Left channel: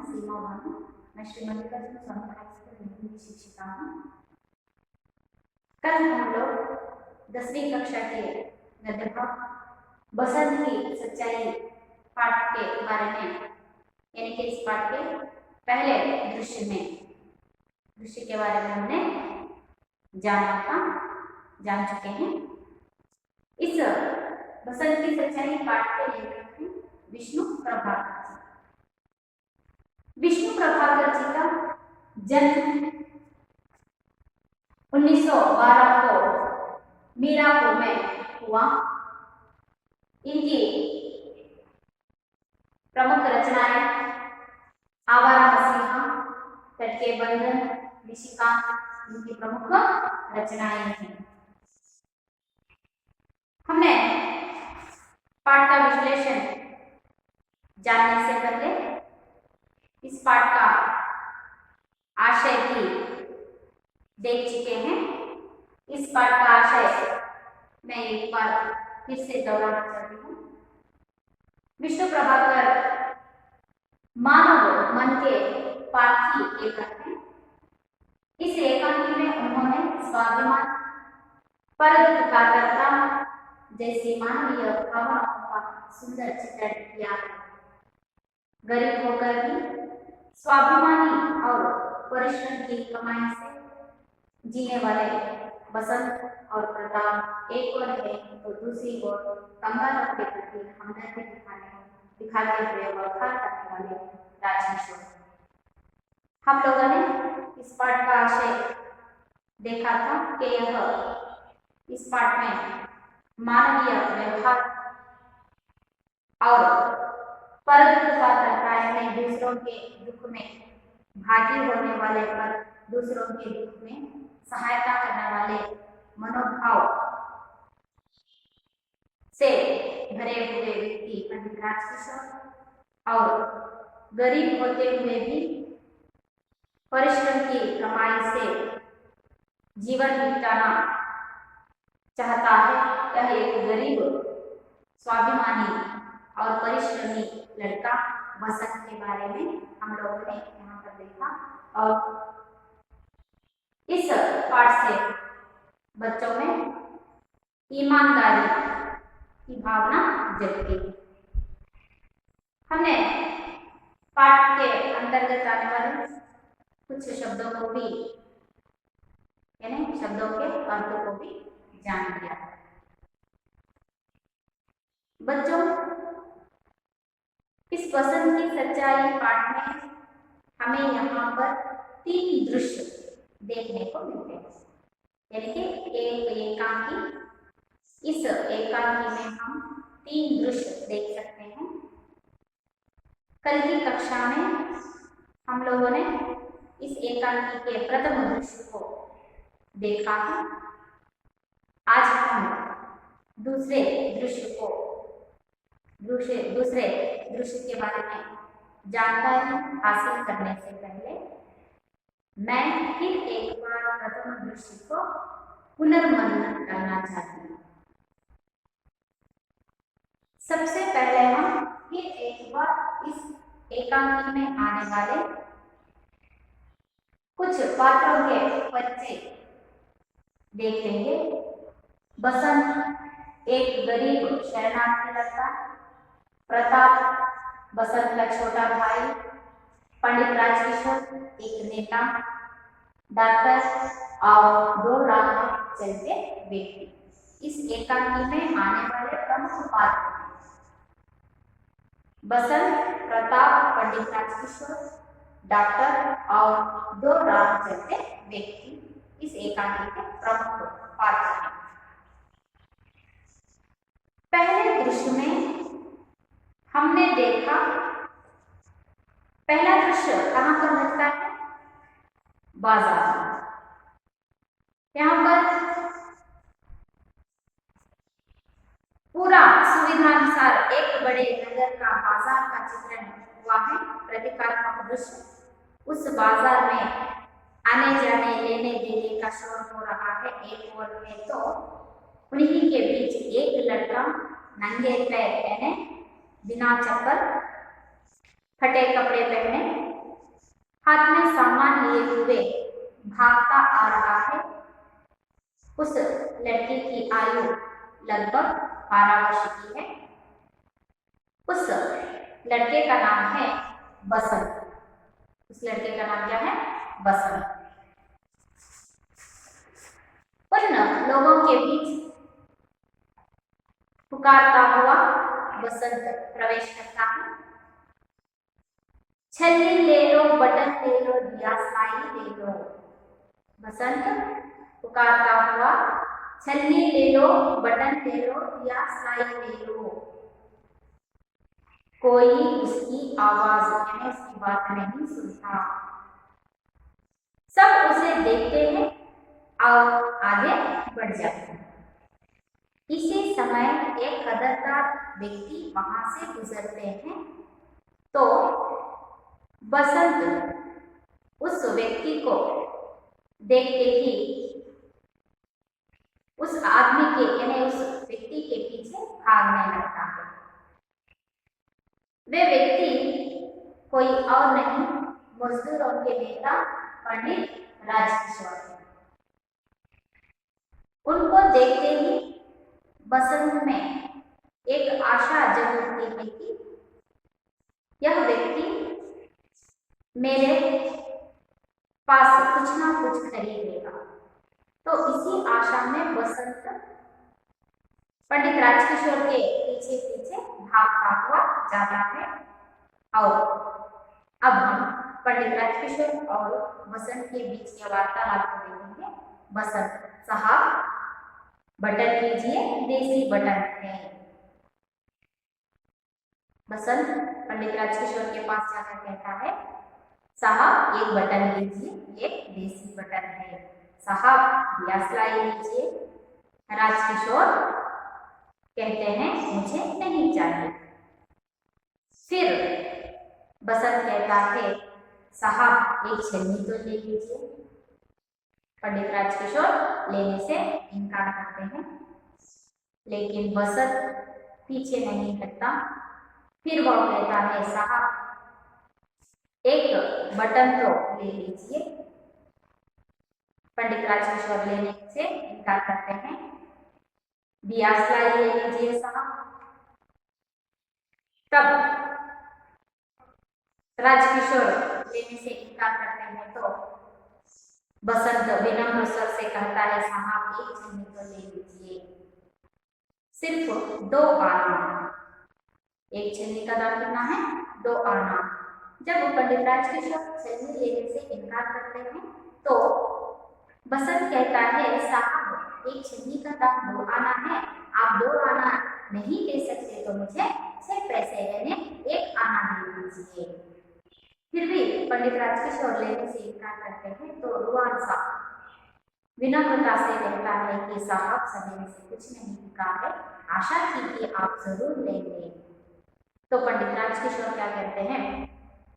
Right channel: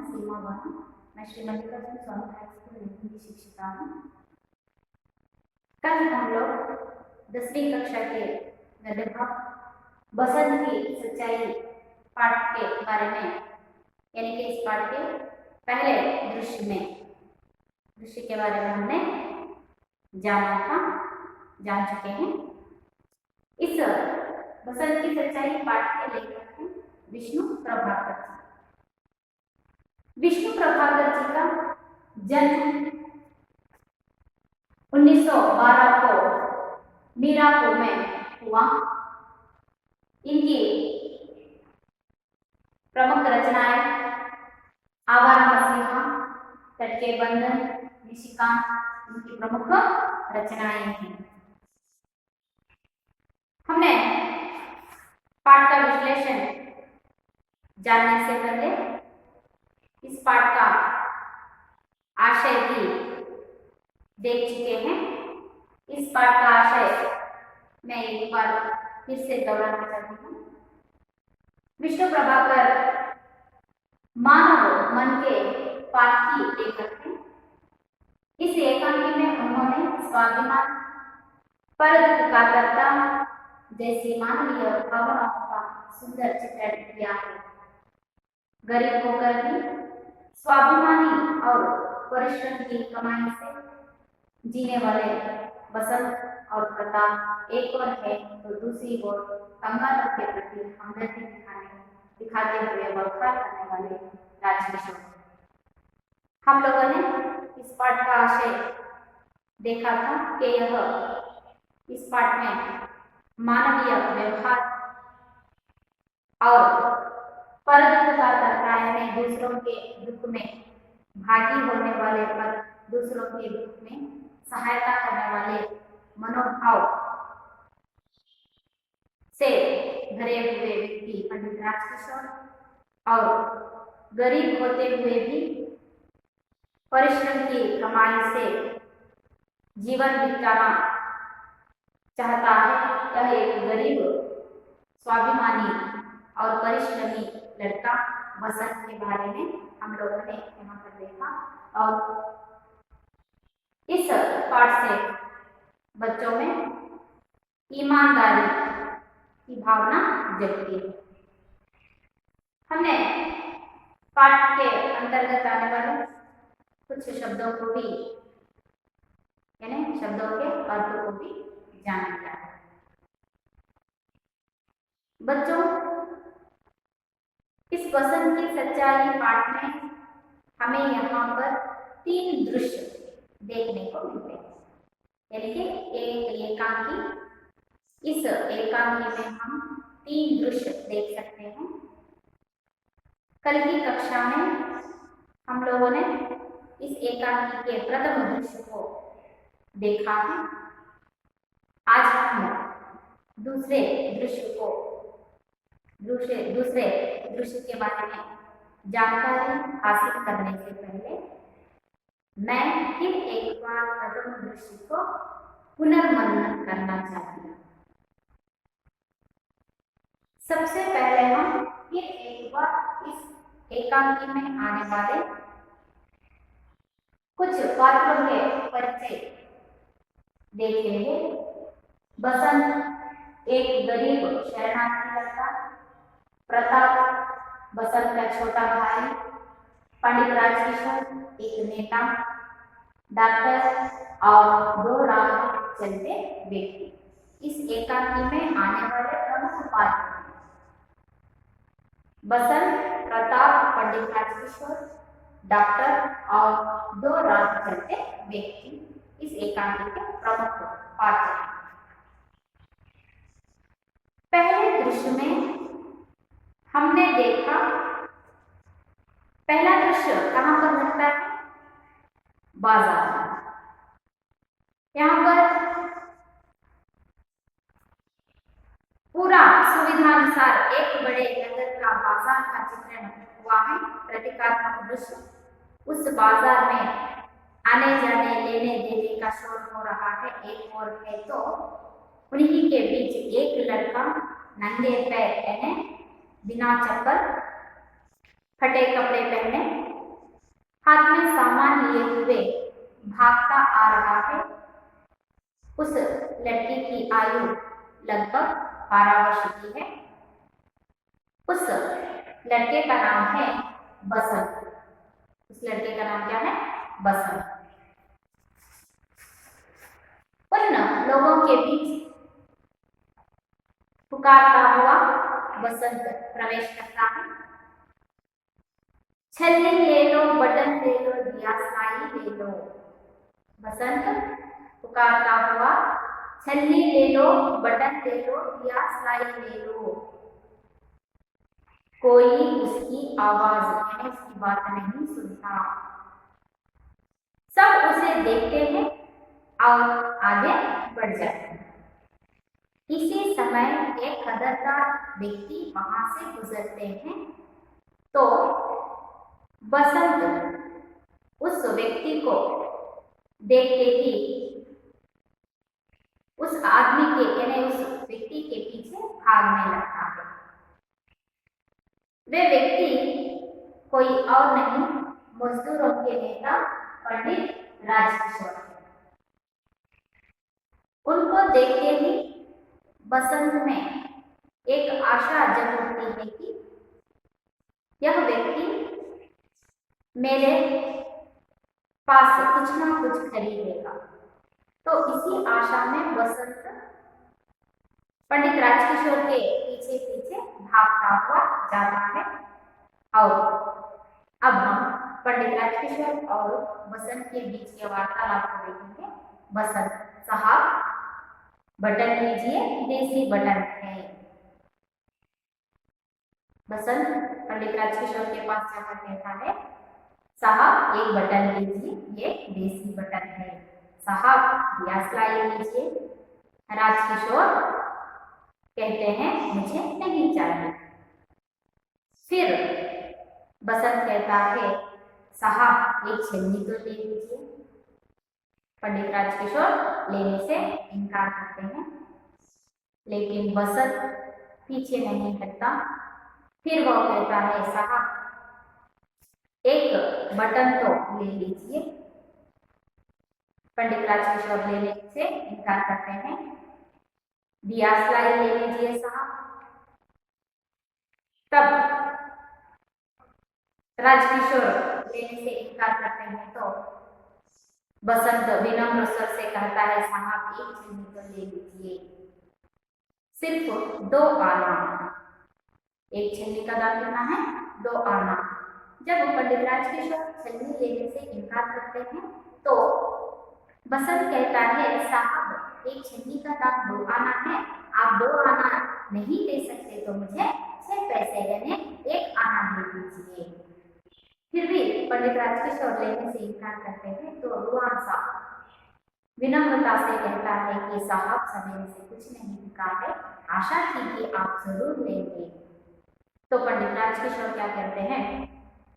नाम सीमा वानी, मैं श्री मल्लिकार्जुन स्वामी हाई स्कूल में हिंदी शिक्षिका हूँ। कल हम लोग 10वीं कक्षा के गद्य भाग बसंत की सच्चाई पाठ के बारे में, यानी कि इस पाठ के पहले दृश्य के बारे में हमने जान चुके हैं। इस बसंत की सच्चाई पाठ के लेखक हैं विष्णु प्रभाकर जी। विष्णु प्रभाकर जी का जन्म 1912 को मीरापुर में हुआ। इनकी प्रमुख रचनाएं आवारा मसीहा, तट के बंधन, निशिकांत इनकी प्रमुख रचनाएं हैं। हमने पाठ का विश्लेषण जानने से पहले इस पाठ का आशय भी देख चुके हैं। इस पाठ का आशय मैं एक बार फिर से दोहराना चाहती हूँ। विष्णु प्रभाकर मानव मन के पारखी लेखक हैं। इस एकांकी में उन्होंने स्वाभिमान, परोपकारता जैसे मानवीय भावनाओं का सुंदर चित्रण किया है। गरीब होकर भी स्वाभिमानी और परिश्रम की कमाई से जीने वाले बसंत और प्रताप एक ओर है तो दूसरी ओर कंगालों के प्रति हमदर्दी दिखाते हुए व्यवहार करने वाले राजकिशोर। हम लोगों ने इस पाठ का आशय देखा था कि यह इस पाठ में मानवीय व्यवहार और परोपकारता यानी दूसरों के दुख में भागी होने वाले पर दूसरों के दुख में सहायता करने वाले मनोभाव से भरे हुए व्यक्ति पंडित राजकिशोर और गरीब होते हुए भी परिश्रम की कमाई से जीवन बिताना चाहता है। यह एक गरीब, स्वाभिमानी और परिश्रमी लड़का बसंत के बारे में हम लोगों ने यहाँ पर देखा। और इस पाठ से बच्चों में ईमानदारी की भावना जगती है। हमने पाठ के अंतर्गत आने वाले कुछ शब्दों को भी, यानी शब्दों के अर्थों को भी जान लिया। बच्चों, इस बसंत की सच्चाई पाठ में हमें यहाँ पर 3 दृश्य देखने को मिलते हैं, यानी कि एक एकांकी। इस एकांकी में हम 3 दृश्य देख सकते हैं। कल की कक्षा में हम लोगों ने इस एकांकी के प्रथम दृश्य को देखा है। आज हम दूसरे दृश्य के बारे में जानकारी हासिल करने से पहले मैं फिर एक बार प्रथम दृश्य को पुनर्मनन करना चाहती हूँ। सबसे पहले हम फिर एक बार इस एकांकी में आने वाले कुछ पात्रों के परिचय देखेंगे। बसंत एक गरीब शरणार्थी लड़का, प्रताप बसंत का छोटा भाई, पंडित राजकिशोर एक नेता, डॉक्टर और 2 राह चलते व्यक्ति इस एकांकी में आने वाले प्रमुख पात्र हैं। बसंत, प्रताप, पंडित राजकिशोर, डॉक्टर और 2 राह चलते व्यक्ति इस एकांकी के प्रमुख पात्र हैं। पहले दृश्य में हमने देखा, पहला दृश्य कहां पर लगता है? बाजार में। यहाँ पर पूरा सुविधानुसार एक बड़े नगर का बाजार का चित्रण हुआ है। प्रतीकात्मक दृश्य, उस बाजार में आने जाने लेने देने का शोर हो रहा है। एक और है तो उन्हीं के बीच एक लड़का नंगे पैर यानी बिना चप्पल, फटे कपड़े पहने हाथ में सामान लिए हुए भागता आ रहा है। उस लड़के की आयु लगभग 12 वर्ष की है। उस लड़के का नाम है बसंत। उस लड़के का नाम क्या है? बसंत। उन लोगों के बीच पुकारता हुआ बसंत प्रवेश करता है। छल्ली ले लो, बटन ले लो, दिया साई ले लो। बसंत पुकारता हुआ, छल्ली ले लो, बटन ले लो, दिया साई ले लो। कोई उसकी आवाज यानी उसकी बात नहीं सुनता। सब उसे देखते हैं और आगे बढ़ जाते हैं। इसी समय एक खबरदार व्यक्ति वहां से गुजरते हैं तो बसंत उस व्यक्ति को देखते ही उस आदमी के यानी उस व्यक्ति के पीछे भागने लगता है। वे व्यक्ति कोई और नहीं, मजदूरों के नेता पंडित राजकिशोर है। उनको देखते ही बसंत में एक आशा जग उठती है कि यह व्यक्ति मेरे पास कुछ ना कुछ खरीदेगा। तो इसी आशा में बसंत पंडित राजकिशोर के पीछे पीछे भागता हुआ जाता है। और अब हम पंडित राजकिशोर और बसंत के बीच के वार्तालाप को देखेंगे। बसंत साहब बटन लीजिए, देसी बटन है। बसंत पंडित राजकिशोर के पास जाकर कहता है, साहब एक बटन लीजिए, ये देसी बटन है। साहब दिया सलाई लीजिए। राजकिशोर कहते हैं मुझे नहीं चाहिए। फिर बसंत कहता है, साहब एक छन्नी तो ले लीजिए। पंडित राजकिशोर लेने से इनकार करते हैं, लेकिन बसंत पीछे नहीं हटता। फिर वह कहता है, साहब एक बटन तो ले लीजिए। पंडित राजकिशोर लेने से इनकार करते हैं। दिया सलाई ले लीजिए साहब। तब राजकिशोर लेने से इनकार करते हैं तो बसंत विनम्र स्वर से कहता है, साहब एक छन्नी तो ले लीजिए, सिर्फ 2 आना। एक छन्नी का दाम कितना है? 2 आना। जब पंडित राजकिशोर छन्नी लेने से इनकार करते हैं तो बसंत कहता है, साहब एक छन्नी का दाम 2 आना है, आप 2 आना नहीं दे सकते तो मुझे 6 पैसे यानी 1 आना दे दीजिए। फिर भी पंडित राजकिशोर लेने से इनकार करते हैं तो रुआन सा विनम्रता से कहता है कि साहब सवेरे से कुछ नहीं बिका है, आशा थी कि आप जरूर लेंगे। तो पंडित राजकिशोर क्या कहते हैं,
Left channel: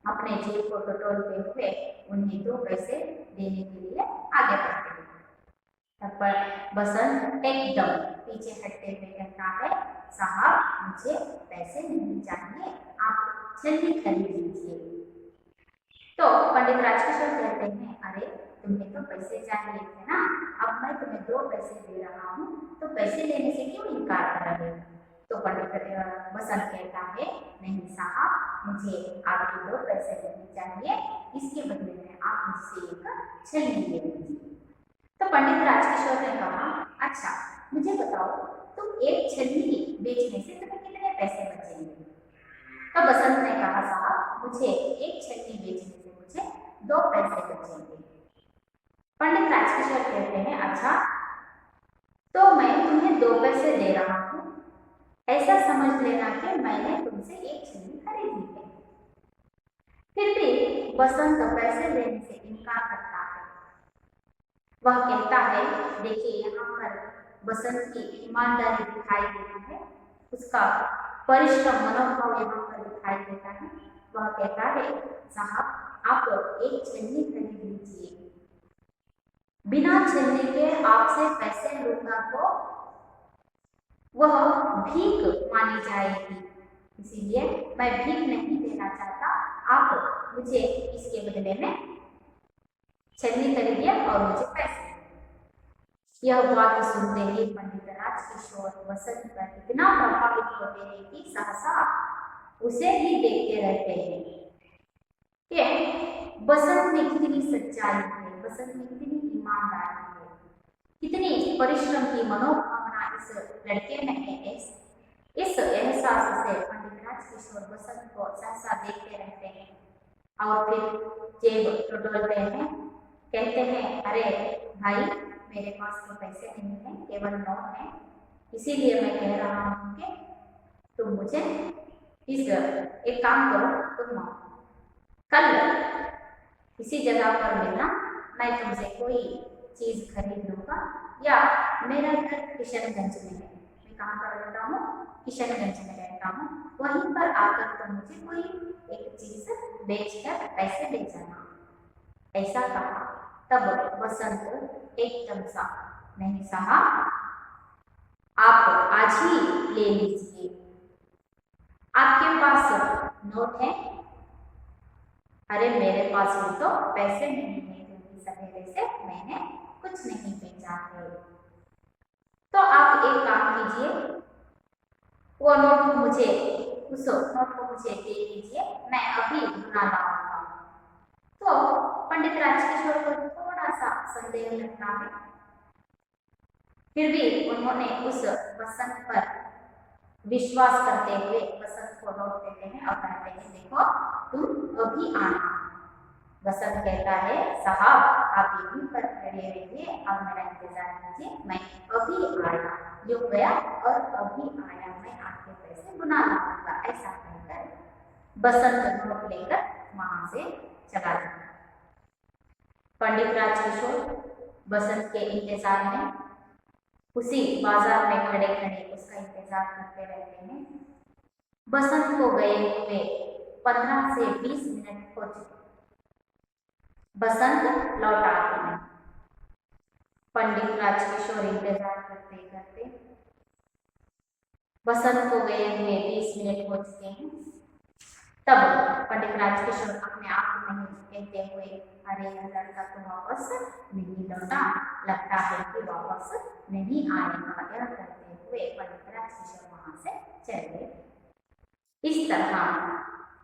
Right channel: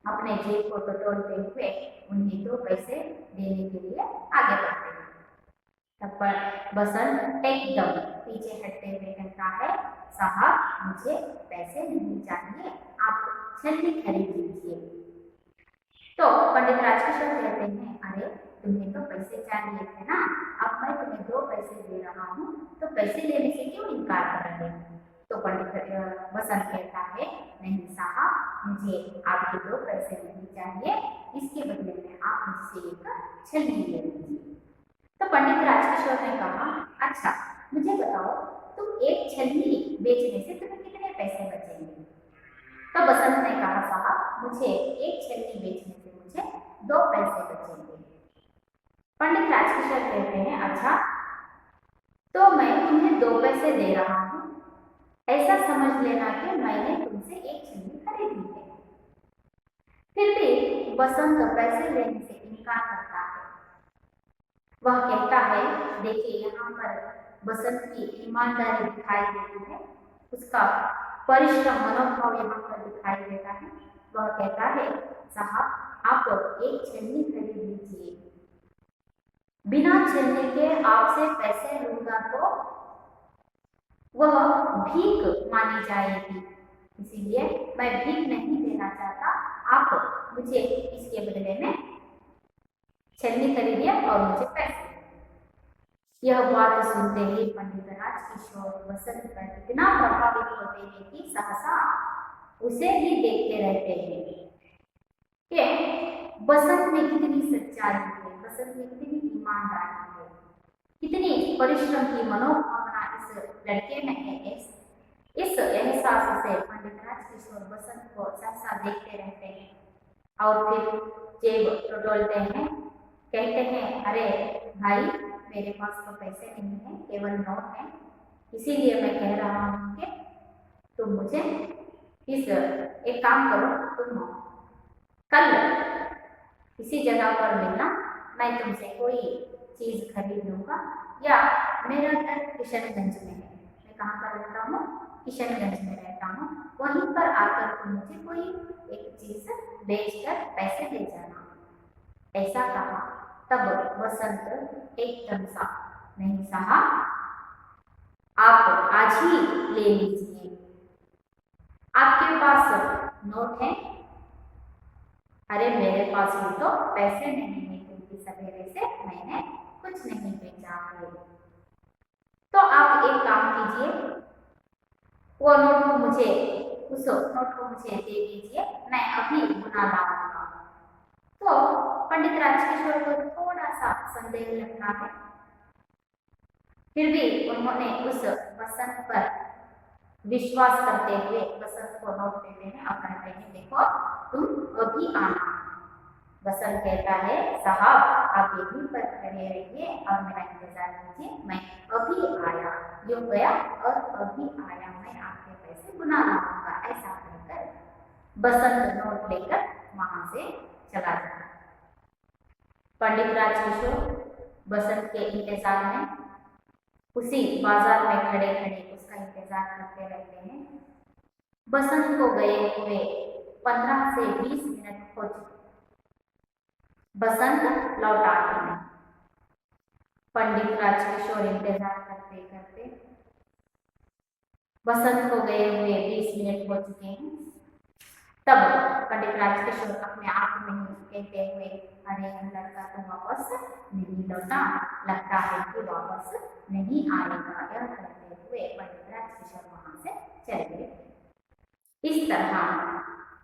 अपने जेब को टटोलते हुए उन्हें 2 पैसे देने के लिए आगे बढ़ते हैं। तब पर बसंत एकदम पीछे हटते हुए कहता है, साहब मुझे पैसे नहीं चाहिए, आप छन्नी खरीद लीजिए। तो पंडित राजकिशोर कहते हैं, अरे तुम्हें तो पैसे चाहिए थे ना, अब मैं तुम्हें 2 पैसे दे रहा हूँ तो पैसे लेने से क्यों इनकार कर रहे हो? तो पंडित बसंत कहता है, नहीं साहब मुझे आपके 2 पैसे नहीं चाहिए, इसके बदले में आप मुझसे एक छन्नी ले लीजिए। तो पंडित राजकिशोर ने कहा, अच्छा मुझे बताओ तुम एक छन्नी बेचने से तुम्हें कितने पैसे बचेंगे? तो बसंत ने कहा, साहब मुझे एक छन्नी बेचने से मुझे 2 पैसे बचेंगे। पंडित राजकिशोर कहते हैं, अच्छा तो मैं तुम्हें 2 पैसे दे रहा हूँ, ऐसा समझ लेना कि मैंने तुमसे एक छन्नी खरीदी है। फिर भी बसंत पैसे लेने से इनकार करता है। वह कहता है, देखिए यहाँ पर बसंत की ईमानदारी दिखाई देती है, उसका परिश्रम मनोभाव यहाँ पर दिखाई देता है। वह कहता है, साहब आप एक छन्नी खरीद लीजिए, बिना छन्नी के आपसे पैसे लूंगा तो वह भीख मानी जाएगी, इसीलिए मैं भीख नहीं देना चाहता, आप मुझे इसके बदले में छन्नी खरीदिए और मुझे पैसे। यह बात सुनते ही पंडित राजकिशोर बसंत पर इतना प्रभावित होते हैं कि सहसा उसे ही देखते रहते हैं कि बसंत में कितनी सच्चाई है, बसंत में कितनी ईमानदारी है, कितनी परिश्रम की मनोभावना इस लड़के में है। इस एहसास से पंडित राजकिशोर बसंत को सहसा देखते रहते हैं और फिर जेब टटोलते हैं, कहते हैं, अरे भाई मेरे पास तो पैसे नहीं है, केवल नोट है, इसीलिए मैं कह रहा हूँ कि तुम मुझे एक काम करो, तुम कल इसी जगह पर मिलना, मैं तुमसे कोई चीज खरीद लूंगा। या मेरा घर किशनगंज में है, मैं कहाँ पर रहता हूँ, किशनगंज में रहता हूँ, वहीं पर आकर तुम मुझे कोई एक चीज बेचकर पैसे दे जाना, ऐसा कहा। तब बसंत एकदम सा, नहीं साहब, आप आज ही ले लीजिए, आपके पास नोट है? अरे मेरे पास भी तो पैसे नहीं है, क्योंकि सवेरे से मैंने कुछ नहीं बेचा है। तो आप एक काम कीजिए, वो नोट को मुझे, उस नोट को मुझे दे दीजिए, मैं अभी बुला लाऊंगा। तो पंडित राजकिशोर को थोड़ा सा संदेह लगता है, फिर भी उन्होंने उस बसंत पर विश्वास करते हुए बसंत को नोट देते हैं और कहते हैं, देखो तुम अभी आना। बसंत कहता है, साहब आप यहीं पर खड़े रहिए और मेरा इंतजार कीजिए, मैं अभी आया। यूं गया और अभी आया, मैं आपके पैसे बुना लाऊंगा। ऐसा कहकर बसंत नोट लेकर वहां से चला जाता। पंडित राजकिशोर बसंत के इंतजार में उसी बाजार में खड़े खड़े उसका इंतजार करते रहते हैं। बसंत को गए हुए 15 से 20 मिनट हो चुके, बसंत लौटा ही नहीं। पंडित राजकिशोर इंतजार करते करते बसंत को गए हुए 20 मिनट हो चुके हैं। तब पंडित राजकिशोर अपने आप में ही कहते हुए, अरे यह लड़का तो वापस नहीं लौटा, लगता है कि वापस नहीं आएगा। यह कहते हुए पंडित राजकिशोर वहां से चले गए। इस तरह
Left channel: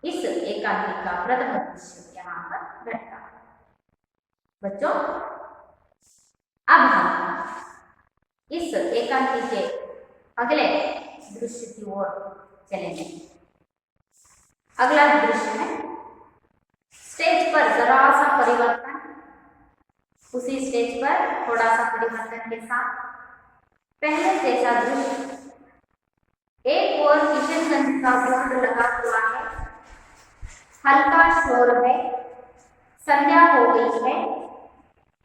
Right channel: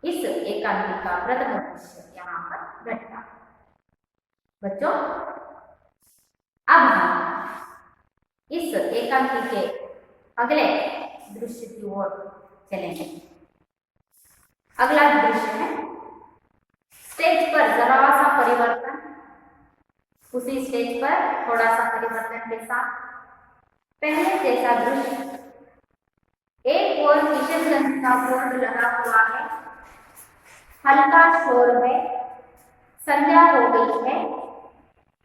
इस एकांकी का प्रथम दृश्य यहाँ पर घटता। बच्चों, अब हम इस एकांकी के अगले दृश्य की ओर चलेंगे। अगला दृश्य है स्टेज पर जरा सा परिवर्तन, उसी स्टेज पर थोड़ा सा परिवर्तन के साथ पहले जैसा दृश्य। एक और किशनगंज का बोर्ड लगा हुआ है, हल्का शोर है, संध्या हो गई है,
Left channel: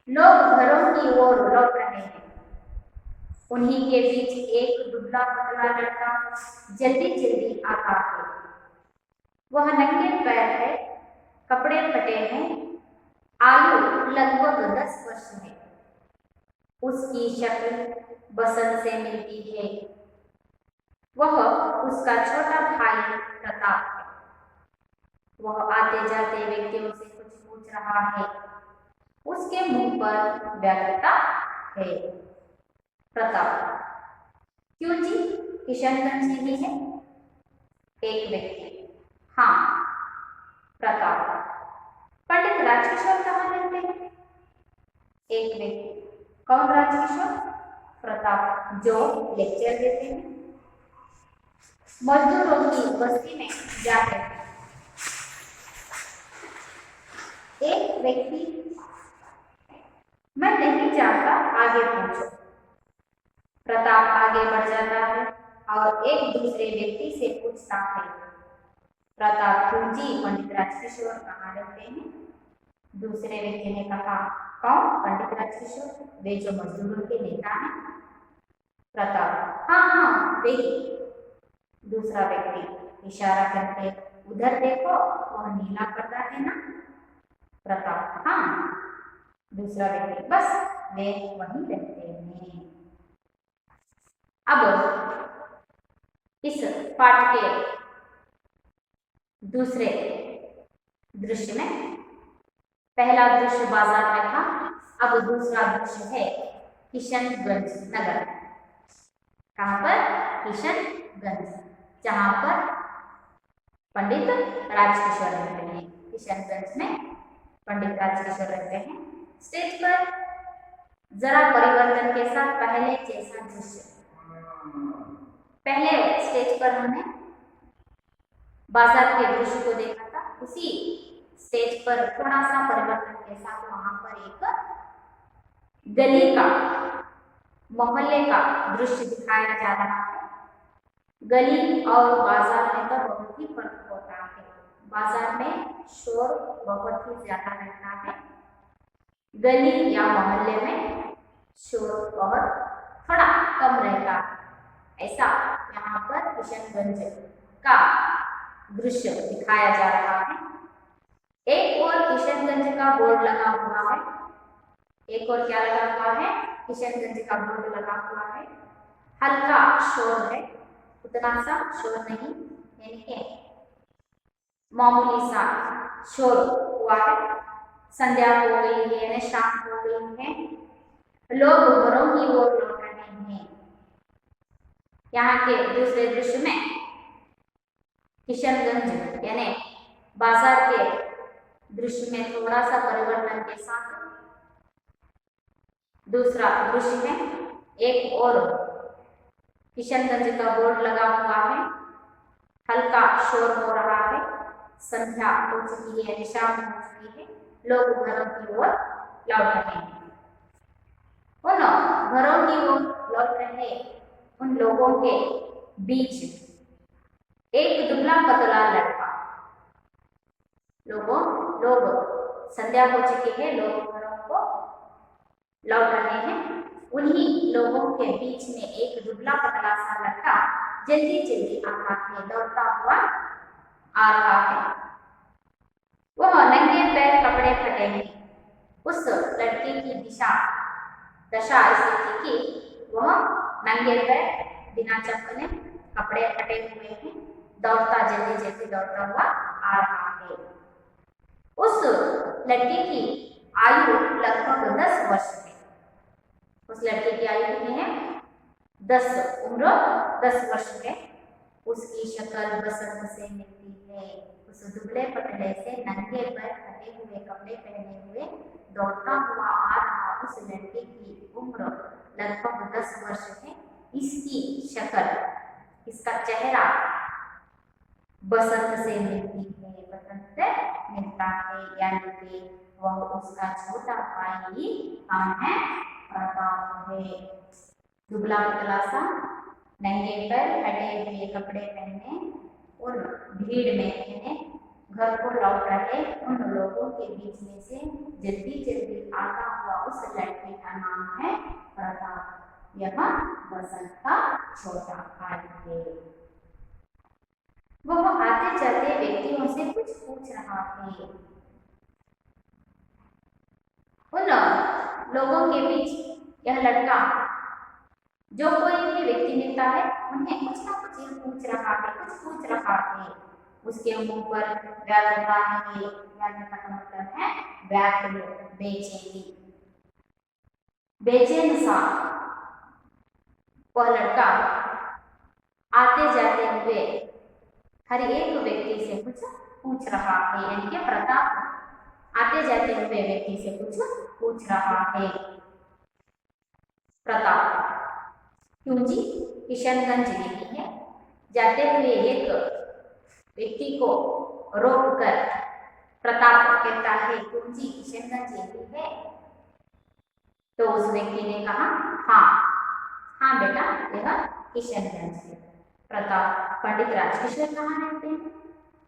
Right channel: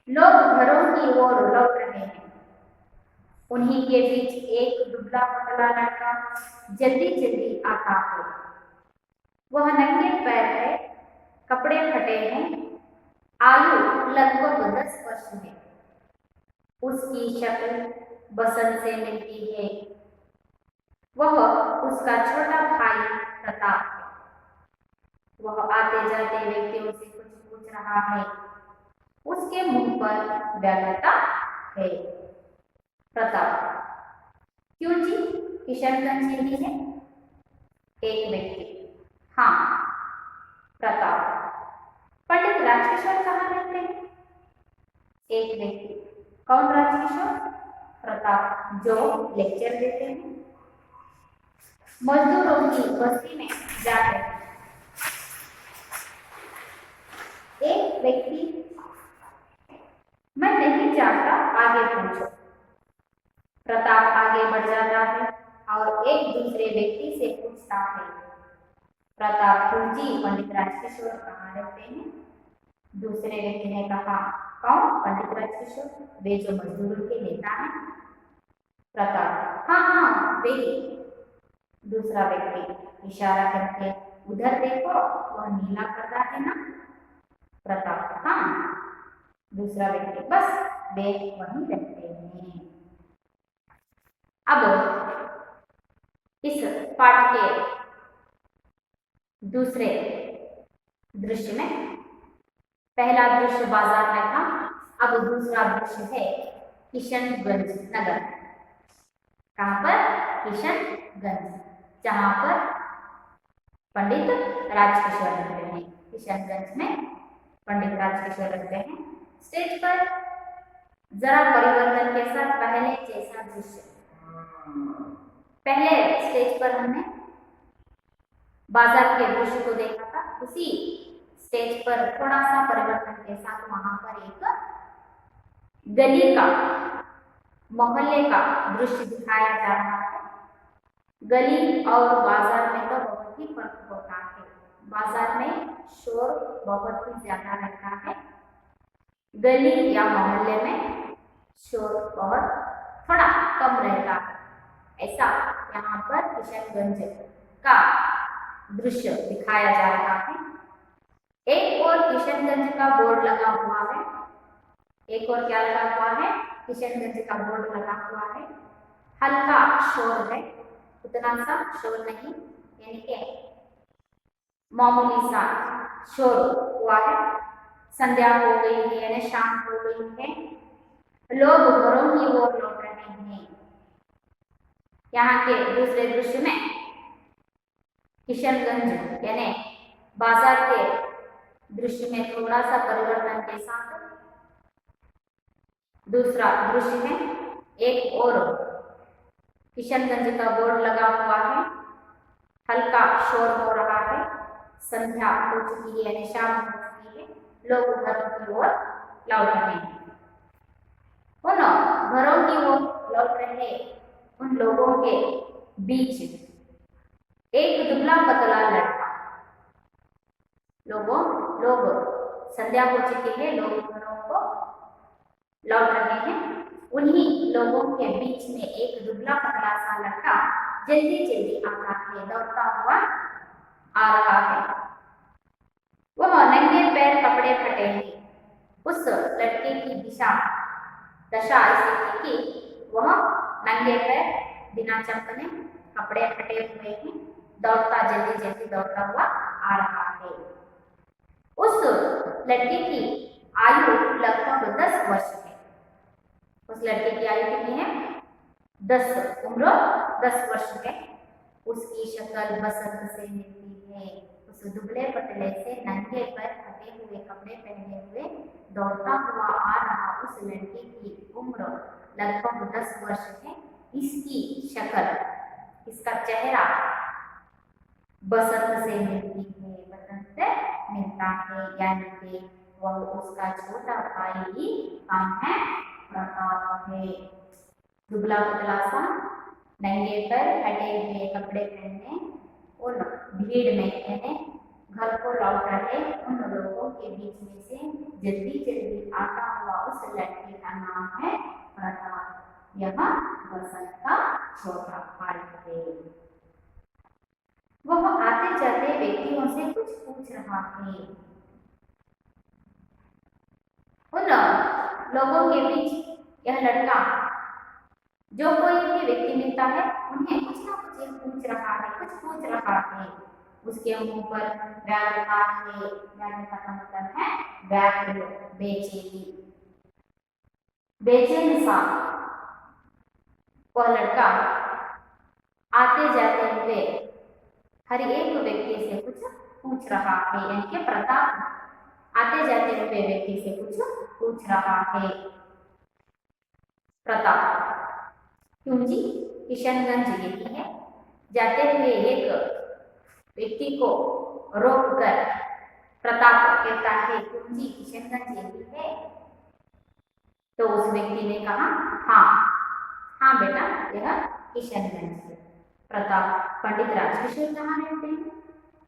लोग घरों की ओर लौट रहे हैं। उन्हीं के बीच एक दुबला पतला लड़का जल्दी जल्दी आता है। वह नंगे पैर है, कपड़े फटे हैं, आयु लगभग 10 वर्ष है। उसकी शक्ल बसंत से मिलती है। वह उसका छोटा भाई प्रताप है। वह आते जाते व्यक्तियों से कुछ पूछ रहा है। उसके मुंह पर व्यग्रता है। प्रताप, क्यों जी, किशनगंज से ही है? एक व्यक्ति, हाँ। प्रताप, पंडित राजकिशोर कहाँ रहते हैं? एक व्यक्ति, कौन राजकिशोर? प्रताप, जो लेक्चर देते हैं, मजदूरों की बस्ती में जाते हैं। एक व्यक्ति, मैं नहीं जानता, आगे पूछो। प्रताप आगे बढ़ जाता है और एक दूसरे व्यक्ति से पूछता है, प्रताप, क्यों जी, पंडित राजकिशोर कहाँ रहते हैं? दूसरे व्यक्ति ने कहा, कौन पंडित राजकिशोर? वे जो मजदूरों के नेता हैं। प्रताप, हाँ हाँ वही। दूसरा व्यक्ति इशारा करके, उधर देखो, वह नीला पर्दा है ना? प्रताप, हाँ। दूसरा व्यक्ति, बस वे वहीं रहते हैं। अब इस पाठ के दूसरे दृश्य में पहला दृश्य बाजार में था, अब दूसरा दृश्य है किशनगंज नगर। कहां पर? किशनगंज, जहां पर पंडित राजकिशोर रहते हैं। किशनगंज में पंडित राजकिशोर रहते हैं। स्टेज पर जरा परिवर्तन के साथ पहले जैसा दृश्य। पहले स्टेज पर हमने बाजार के दृश्य को देखा था, उसी स्टेज पर थोड़ा सा परिवर्तन के साथ वहां पर एक गली का, मोहल्ले का दृश्य दिखाया जा रहा है। गली और बाजार में तो बहुत ही फर्क होता है। बाजार में शोर बहुत ही ज्यादा रहता है, गली या मोहल्ले में शोर बहुत थोड़ा कम रहता है। ऐसा यहाँ पर किशनगंज का दृश्य दिखाया जा रहा है। एक और किशनगंज का बोर्ड लगा हुआ है, एक और क्या लगा हुआ है? किशनगंज का बोर्ड लगा हुआ है। हल्का शोर है, उतना सा शोर नहीं, यानी कि मामूली सा शोर हुआ है। संध्या हो गई है, यानी शाम हो गई है, लोग घरों की ओर लौट रहे हैं। यहाँ के दूसरे दृश्य में किशनगंज यानी बाजार के दृश्य में थोड़ा सा परिवर्तन के साथ दूसरा दृश्य है, एक और किशनगंज का बोर्ड लगा हुआ है, हल्का शोर हो रहा है, संध्या हो चुकी है यानी शाम हो चुकी है, लोग घरों की ओर लौट रहे हैं। उन घरों की ओर लौट रहे उन लोगों के बीच एक दुबला पतला लड़का, लोग संध्या हो चुकी है, लोग घरों को लौट रहे हैं। उन्हीं लोगों के बीच में एक दुबला पतला सा लड़का जल्दी जल्दी आता है, दौड़ता हुआ आ रहा है। वह नंगे पैर, कपड़े फटे हैं। उस लड़के की दशा ऐसी थी कि वह नंगे पैर, बिना चप्पलें, कपड़े फटे हुए हैं, दौड़ता जल्दी जल्दी दौड़ता हुआ आ रहा है। उस लड़के की आयु लगभग 10 वर्ष है। उस लड़के की आयु कितनी है? 10 वर्ष है। उसकी शक्ल बसंत से मिलती है। उस दुबले पतले से नंगे पैर, फटे हुए कपड़े पहने हुए दौड़ता हुआ आ रहा उस लड़के की उम्र लगभग 10 वर्ष है। इसकी शक्ल, इसका चेहरा बसंत से मिलती है, बसंत से मिलता है, यानी कि वह उसका छोटा भाई ही हम है, प्रताप है। दुबला पतला सा, नंगे पैर, फटे हुए कपड़े पहने, उन भीड़ में यानी घर को लौट रहे उन लोगों के बीच में से जल्दी जल्दी आता हुआ उस लड़के का नाम है प्रताप। यह बसंत का छोटा भाई है। वह आते जाते व्यक्तियों से कुछ पूछ रहा है। उन लोगों के बीच यह लड़का, जो कोई भी व्यक्ति मिलता है, उन्हें कुछ ना कुछ पूछ रहा है। उसके मुंह पर व्याकुलता है। व्याकुलता का मतलब है व्याकुल, बेचैनी, बेचैन सा वह लड़का आते जाते हुए हर एक व्यक्ति से कुछ पूछ रहा है, यानी कि प्रताप आते जाते हुए व्यक्ति से कुछ पूछ रहा है। प्रताप, क्यों जी? किशनगंज यही है। जाते हुए एक व्यक्ति को रोककर प्रताप कहता है, क्यों जी किशनगंज यही है? तो उस व्यक्ति ने कहा, हाँ बेटा, यह किशनगंज है। प्रताप, पंडित राजकिशोर कहाँ रहते हैं?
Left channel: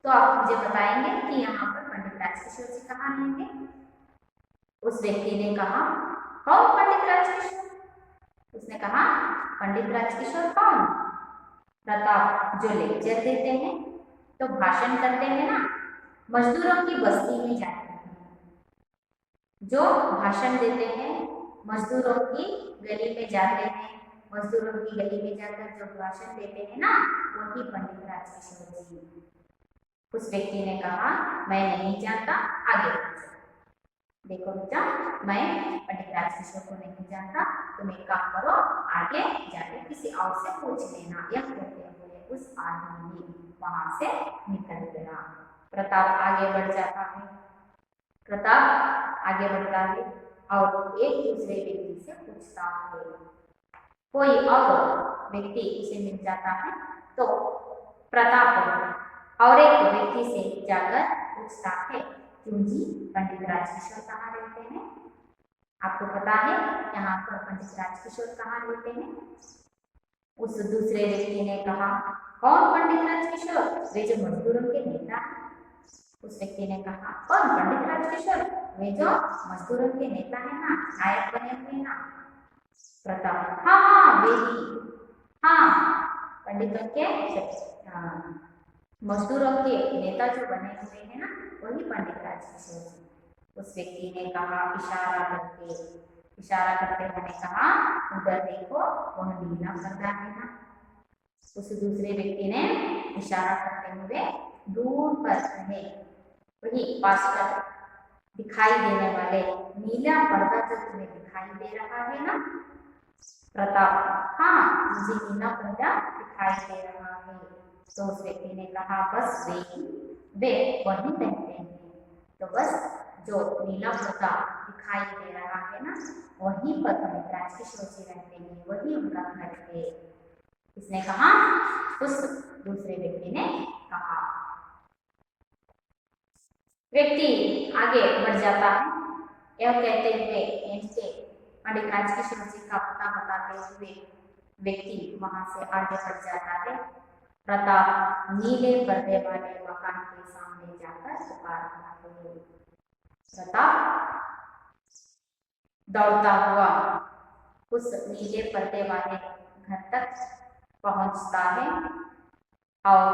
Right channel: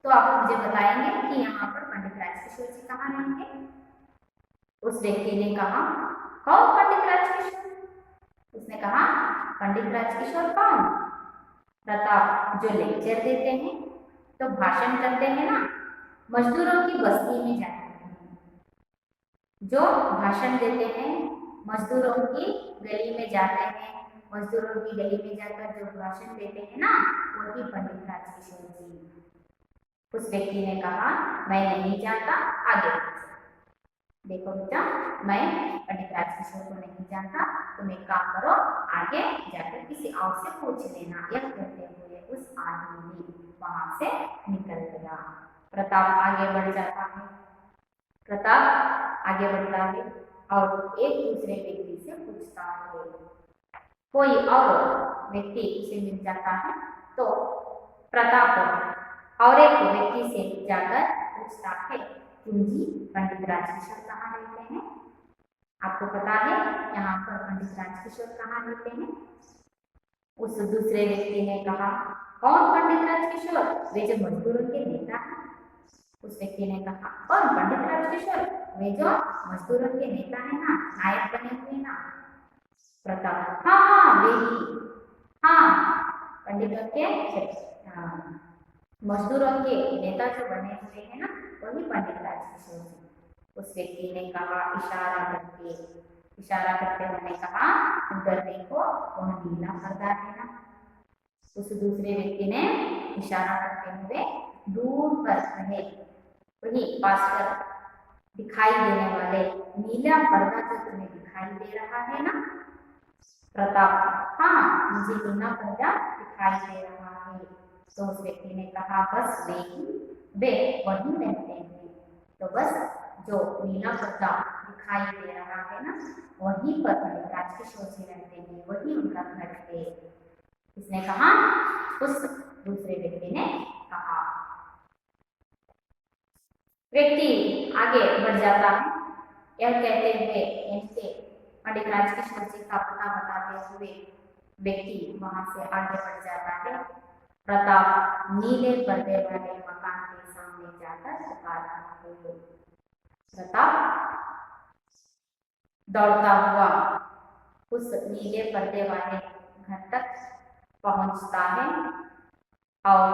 तो आप मुझे बताएंगे कि यहाँ पर पंडित राजकिशोर जी कहाँ रहेंगे? उस व्यक्ति ने कहा, कौन पंडित राजकिशोर? उसने कहा, पंडित राजकिशोर कौन? प्रताप, जो लेक्चर देते हैं, तो भाषण करते हैं ना, मजदूरों की बस्ती में जाते हैं, जो भाषण देते हैं, मजदूरों की गली में जाते हैं, मजदूरों की गली में जाकर जो भाषण देते हैं ना, वही पंडित राजकिशोर जी। उस व्यक्ति ने कहा, मैं नहीं जानता, आगे पूछो। देखो बेटा, मैं पंडित राजकिशोर को नहीं जानता, तुम एक काम करो, आगे जाकर किसी और से पूछ लेना। यह कहते हुए उस आदमी वहां से निकल गया। प्रताप आगे बढ़ जाता है। प्रताप आगे बढ़ता है और एक दूसरे व्यक्ति से पूछता है। कोई और व्यक्ति उसे मिल जाता है तो प्रताप और एक व्यक्ति से जाकर पूछता है, क्यों जी, पंडित राजकिशोर कहाँ रहते हैं? आपको पता है यहाँ पर पंडित राजकिशोर कहाँ रहते हैं? उस दूसरे व्यक्ति ने कहा, कौन पंडित राजकिशोर? वे जो मजदूरों के नेता हैं। उस व्यक्ति ने कहा, कौन पंडित राजकिशोर? वे जो मजदूरों के नेता है ना, नायक बने हुए ना। प्रताप, हाँ हाँ वे ही, हाँ पंडितों के मजदूरों के नेता जो बने हुए हैं ना, वही पंडित राजकिशोर जी। उस व्यक्ति ने कहा इशारा करते हुए कहा, उधर देखो वह नीला पर्दा है ना। उस दूसरे व्यक्ति ने इशारा करते हुए दूर पर रहे वही पास पर दिखाई देने वाले नीला पर्दा जो तुम्हें दिखाई दे रहा है ना। प्रताप, हाँ मुझे नीला पर्दा दिखाई दे रहा है। तो उस व्यक्ति ने कहा, बस वे वही रहते हैं। तो बस जो नीला पर्दा दिखाई दे रहा है ना, वहीं पर पंडित राजकिशोर जी रहते हैं, वही उनका घर है। इसने कहा, उस दूसरे व्यक्ति ने कहा। व्यक्ति आगे बढ़ जाता है। यह कहते हुए इनसे पंडित राजकिशोर जी का पता बताते हुए व्यक्ति वहां से आगे बढ़ जाता है। प्रताप नीले पर्दे वाले मकान के सामने जाकर पुकार रहा है। प्रताप दौड़ता हुआ उस नीले पर्दे वाले घर तक पहुंचता है और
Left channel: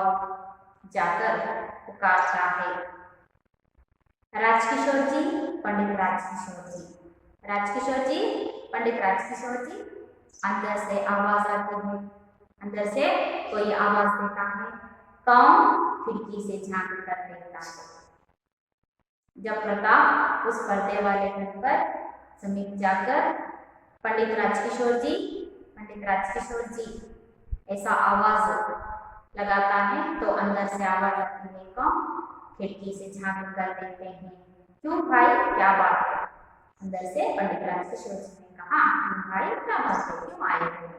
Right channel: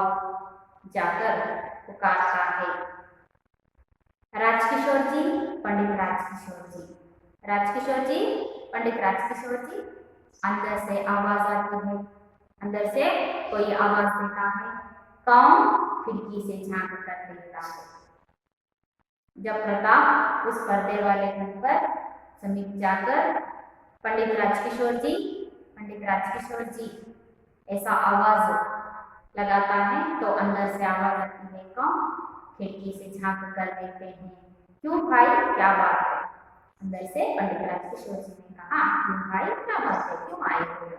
जाकर पुकारता है, राजकिशोर जी, पंडित राजकिशोर जी, राजकिशोर जी, पंडित राजकिशोर जी। अंदर से आवाज आती है, अंदर से कोई आवाज देता है। कौन? खिड़की से झांक कर देखता है। जब प्रताप उस पर्दे वाले घर पर समीप जाकर पंडित राजकिशोर जी, पंडित राजकिशोर जी ऐसा आवाज लगाता है तो अंदर से आवाज आती है, कौन? खिड़की से झांक कर देखते हैं। क्यों भाई, क्या बात है? अंदर से पंडित राजकिशोर जी ने कहा, क्यों भाई, क्या बात है, क्यों आए थे?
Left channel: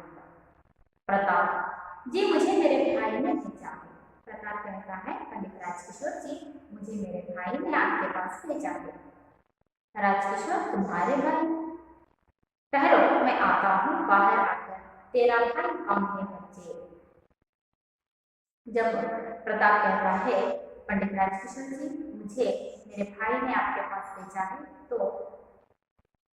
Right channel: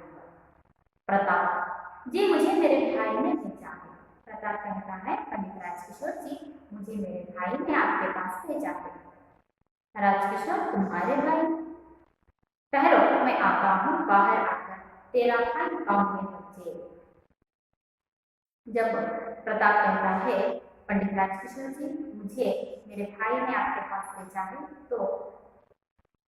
प्रताप जी, मुझे मेरे भाई ने भेजा है। प्रताप कहता है, पंडित राजकिशोर जी, मुझे मेरे भाई ने आपके पास भेजा है। राजकिशोर, तुम्हारे भाई? ठहरो, मैं आता हूँ। बाहर आकर तेरा भाई कौन है बच्चे? जब प्रताप कहता है, पंडित राजकिशोर जी, मुझे मेरे भाई ने आपके पास भेजा है, तो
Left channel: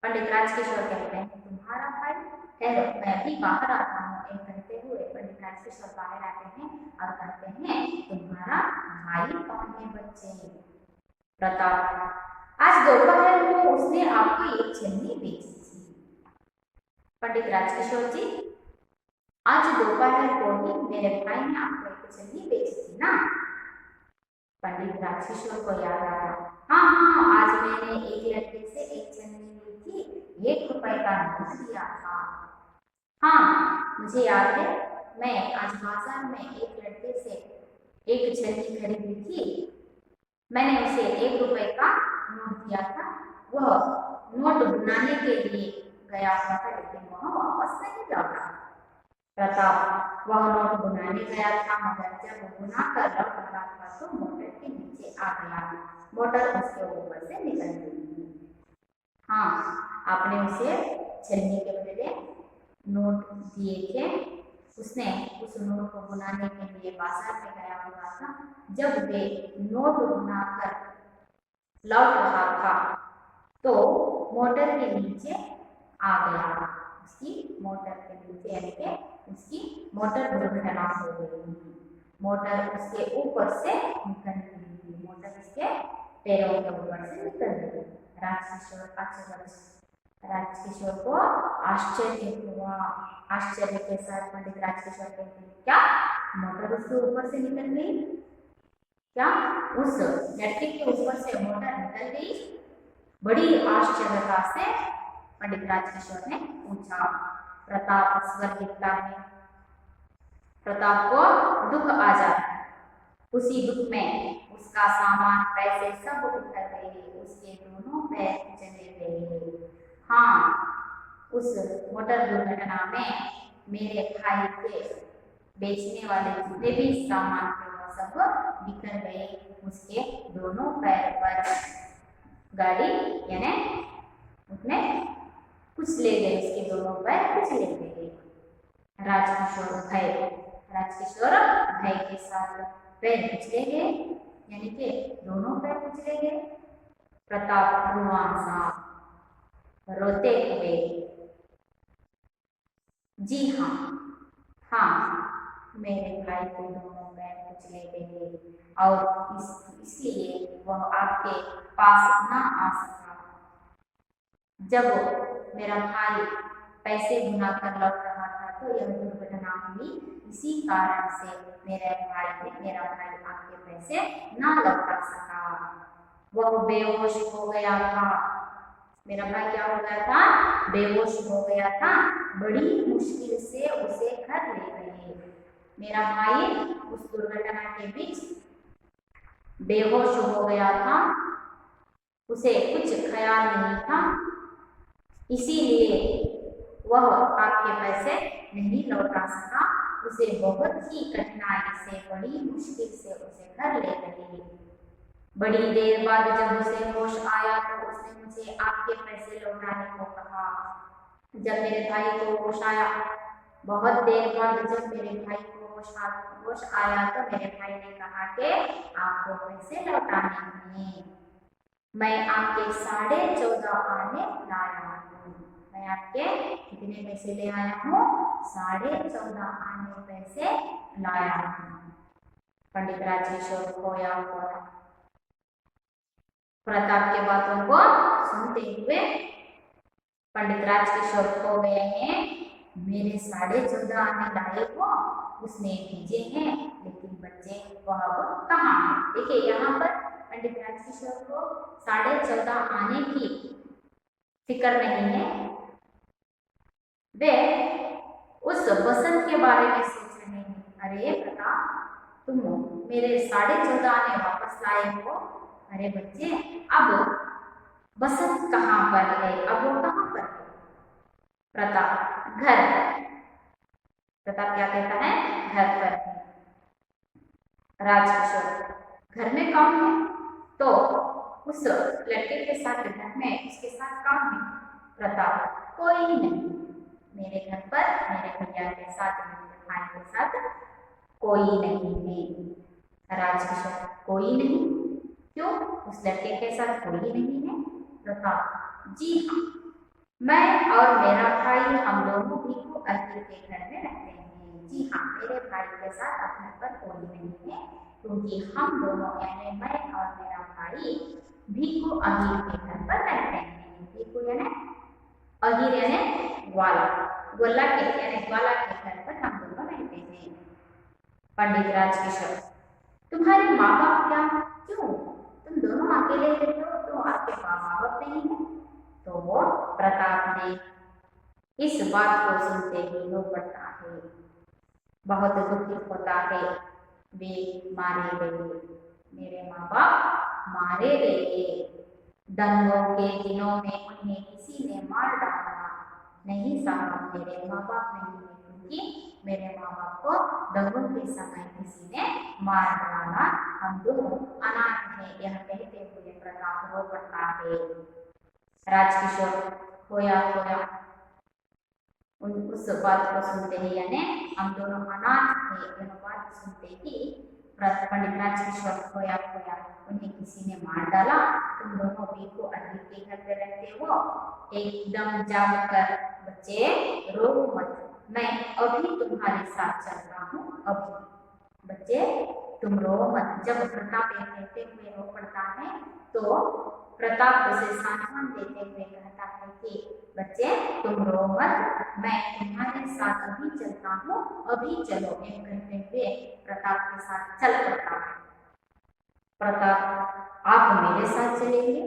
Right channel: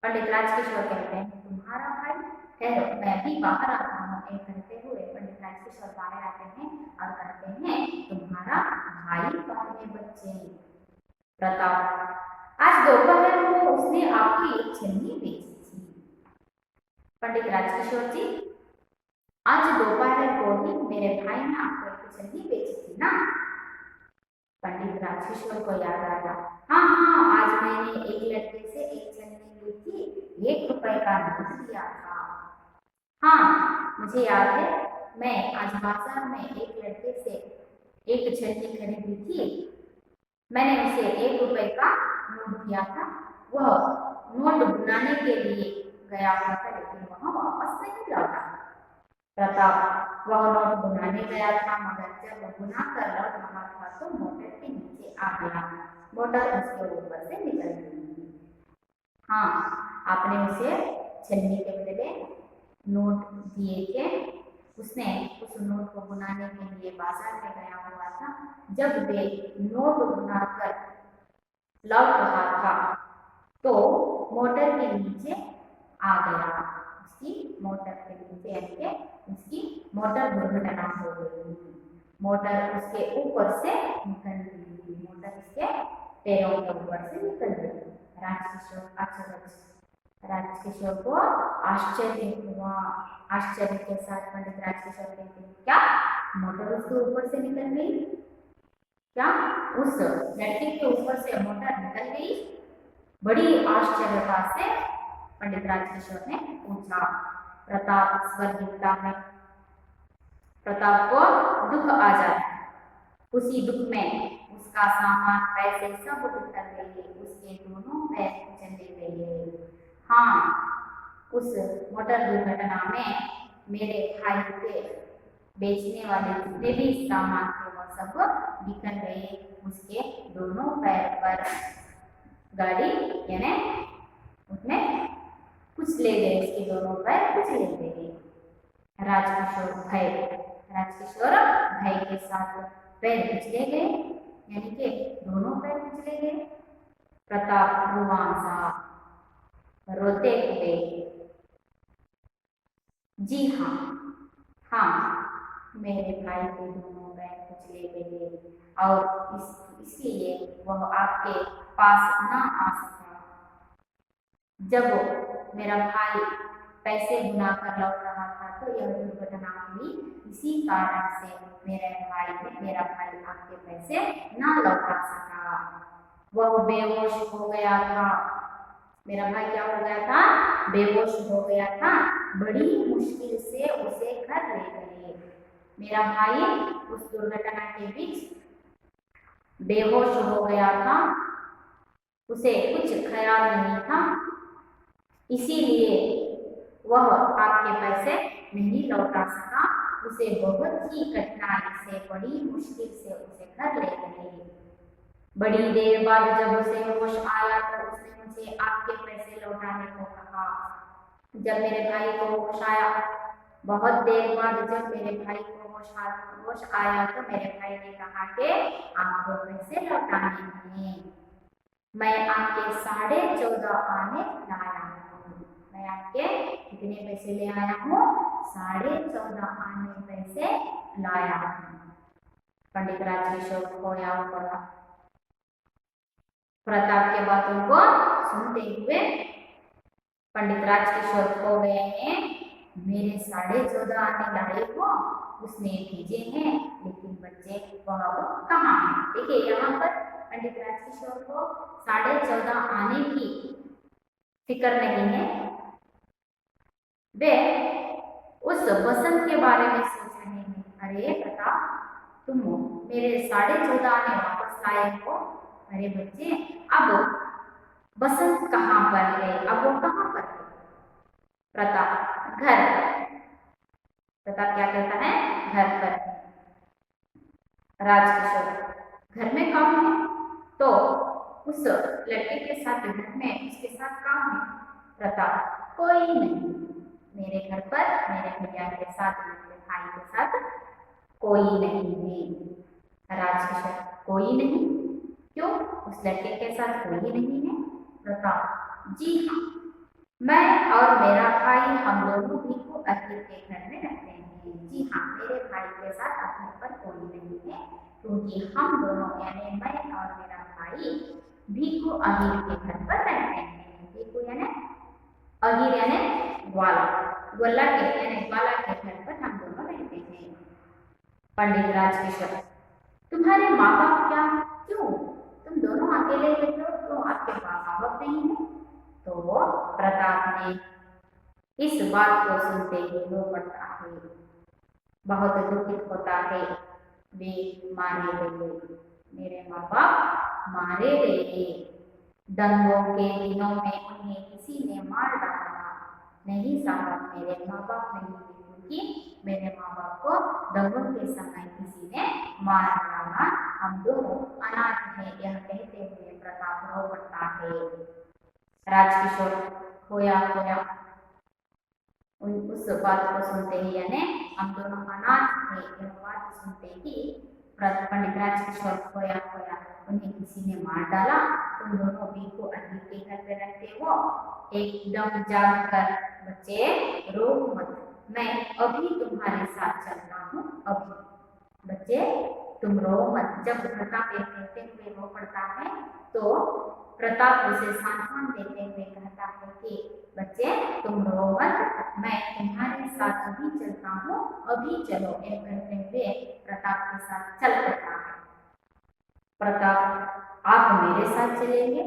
पंडित राजकिशोर कहते हैं, तुम्हारा भाई? ठहरो, मैं भी बाहर आता हूँ। एक कहते हुए पंडित राजकिशोर बाहर आते हैं और कहते हैं, तुम्हारा भाई कौन है बच्चे? प्रताप, आज दोपहर को उसने आपको एक छन्नी बेची थी। पंडित राजकिशोर जी, आज दोपहर को ही मेरे भाई ने आपको एक छन्नी बेची थी ना? पंडित राजकिशोर को याद आया, हाँ हाँ, आज मैंने एक लड़के से एक छन्नी ली थी, 1 रुपए का नोट दिया था। हाँ मुझे याद है, मैं आज बाजार में एक लड़के से एक छन्नी खरीदी थी। मैंने उसे 1 रुपए का नोट दिया था। वह नोट बनाने के लिए गया हुआ था, लेकिन वह वापस नहीं लौटा। प्रताप, वह नोट बुनाने गया था, मगर जब वो बुना कर लौट रहा था तो मोटर के नीचे आ गया। मोटर उसके ऊपर से निकल गई। हाँ, आपने उसे छन्नी के बदले नोट दिए थे। उसने उस नोट को बुनाने के लिए बाजार में गया हुआ था। जब वे नोट बुनाकर लौट रहा था तो मोटर के नीचे आ गया। उसकी मोटर के नीचे यानी कि उसकी मोटर दुर्घटना हो गई। मोटर उसके ऊपर से निकल गई, मोटर उसके पैरों के ऊपर से निकल गई। राजकिशोर को आश्चर्य हुआ। आश्चर्य के साथ पंडित राजकिशोर कहते हैं, क्या मोटर उसके ऊपर से निकल गई? क्या उस लड़के के ऊपर से मोटर निकल गई? बड़ी आश्चर्यता से पंडित राजकिशोर ने पूछा। प्रताप स्वर गिरता है। प्रताप को दुख आ जाता है। उसी दुख में उसका सामान पैसे सब बिखर गए, उसके दोनों पैर चले गए। हाँ, उस मोटर दुर्घटना में मेरे भाई के बेचने वाले जितने भी सामान थे वो सब बिखर गए। उसके दोनों पैर पर गाड़ी यानी उसमें कुछ ले गए, उसके दोनों पैर कुछ ले गए। राजकिशोर भय के साथ पैर कुचले गए, यानी कि दोनों पैर कुचले गए। प्रताप रुआंसा रोते हुए, जी हाँ, हाँ, मेरे भाई के दोनों पैर कुचले गए और इसलिए वह आपके पास ना आ सका। जब मेरा भाई पैसे गुना कर लौट रहा था तो यह दुर्घटना हुई। इसी कारण से मेरा भाई आपके पैसे ना लौटा सका। वह बेहोश हो गया था। मेरा भाई क्या हो गया था? बेहोश हो गया था। बड़ी मुश्किल से उसे घर ले गए। मेरा भाई उस दुर्घटना के बीच बेहोश हो गया था, उसे कुछ ख्याल नहीं था, इसीलिए वह आपके पैसे नहीं लौटा सका। उसे बहुत ही कठिनाई से, बड़ी मुश्किल से उसे घर ले गए। बड़ी देर बाद जब उसे होश आया तो उसने मुझे आपके पैसे लौटाने को कहा। जब मेरे भाई को होश आया, बहुत देर बाद जब मेरे भाई को होश आया तो मेरे भाई ने कहा कि आपको पैसे लौटाने हैं। मैं आपके 14.5 आने लाया हूँ। मैं आपके कितने पैसे ले आया हूँ? 14.5 आने पैसे लाया हूँ। पंडित राजकिशोर खोया हुआ प्रताप के बातों को सुनते हुए पंडित राजकिशोर खो गए हैं। मेरे 14.5 आने लाए हो, उसने भेजे हैं, लेकिन बच्चे वह कहाँ हैं? देखिए यहाँ पर पंडित राजकिशोर को 14.5 आने की फिक्र नहीं है। वे उस बसंत के बारे में सोच रहे हैं। अरे प्रताप, तुम मेरे 14.5 आने वापस लाए हो। अरे बच्चे, अब बसंत कहाँ पर है? अब वो कहाँ पर है? प्रताप घर पर। प्रताप क्या कहता है? घर पर है। राजकिशोर घर में कौन है? तो उस लड़के के साथ घर में उसके साथ कौन है? प्रताप कोई नहीं। मेरे घर पर मेरे भैया के साथ, मेरे भाई के साथ कोई नहीं है। राजकिशोर कोई नहीं? क्यों? उस लड़के के साथ कोई नहीं है? प्रताप जी हाँ, मैं और मेरा भाई हम दोनों भी को अहिर के घर में रहते हैं। जी हाँ, मेरे भाई के साथ अब घर पर कोई नहीं है, क्योंकि हम दोनों यानी मैं और मेरा भाई भीखू अहिर के घर पर रहते हैं। भीखू यानी अहिर यानी ग्वाला, गोला के यानी ग्वाला के घर पर हम दोनों रहते हैं। पंडित राजकिशोर तुम्हारे माँ बाप क्या? क्यों तुम दोनों अकेले रहते हो? तो आपके माँ बाप नहीं है? तो वो प्रताप ने इस बात को सुनते ही रो पड़ता है, बहुत दुखित होता है। वे मारे गए, मेरे माँ बाप मारे गए। दंगों के दिनों में उन्हें किसी ने मार डाला। नहीं साहब, मेरे माँ बाप नहीं है, क्योंकि मेरे माँ बाप को दंगों के समय किसी ने मार डाला। हम दोनों अनाथ हैं। यह कहते हुए प्रताप रो पड़ता है। राजकिशोर खोया उस बात को सुनते ही, यानी हम दोनों अनाथ थे, यह बात सुनते ही पंडित राजकिशोर खोया उन्हें किसी ने मार डाला। तुम दोनों भीखू अहिर के घर पे रहते हो। एकदम जाग कर बच्चे रो मत, मैं अभी तुम्हारे साथ चलता हूँ। अभी बच्चे तुम रो मत। जब प्रताप ये कहते हुए रो पड़ता है तो प्रताप उसे सांत्वना देते हुए कहता है कि बच्चे तुम रो मत, मैं तुम्हारे साथ अभी चलता हूँ, अभी चलो। यह कहते हुए प्रताप के साथ चल पड़ता है। प्रताप, आप मेरे साथ चलेंगे?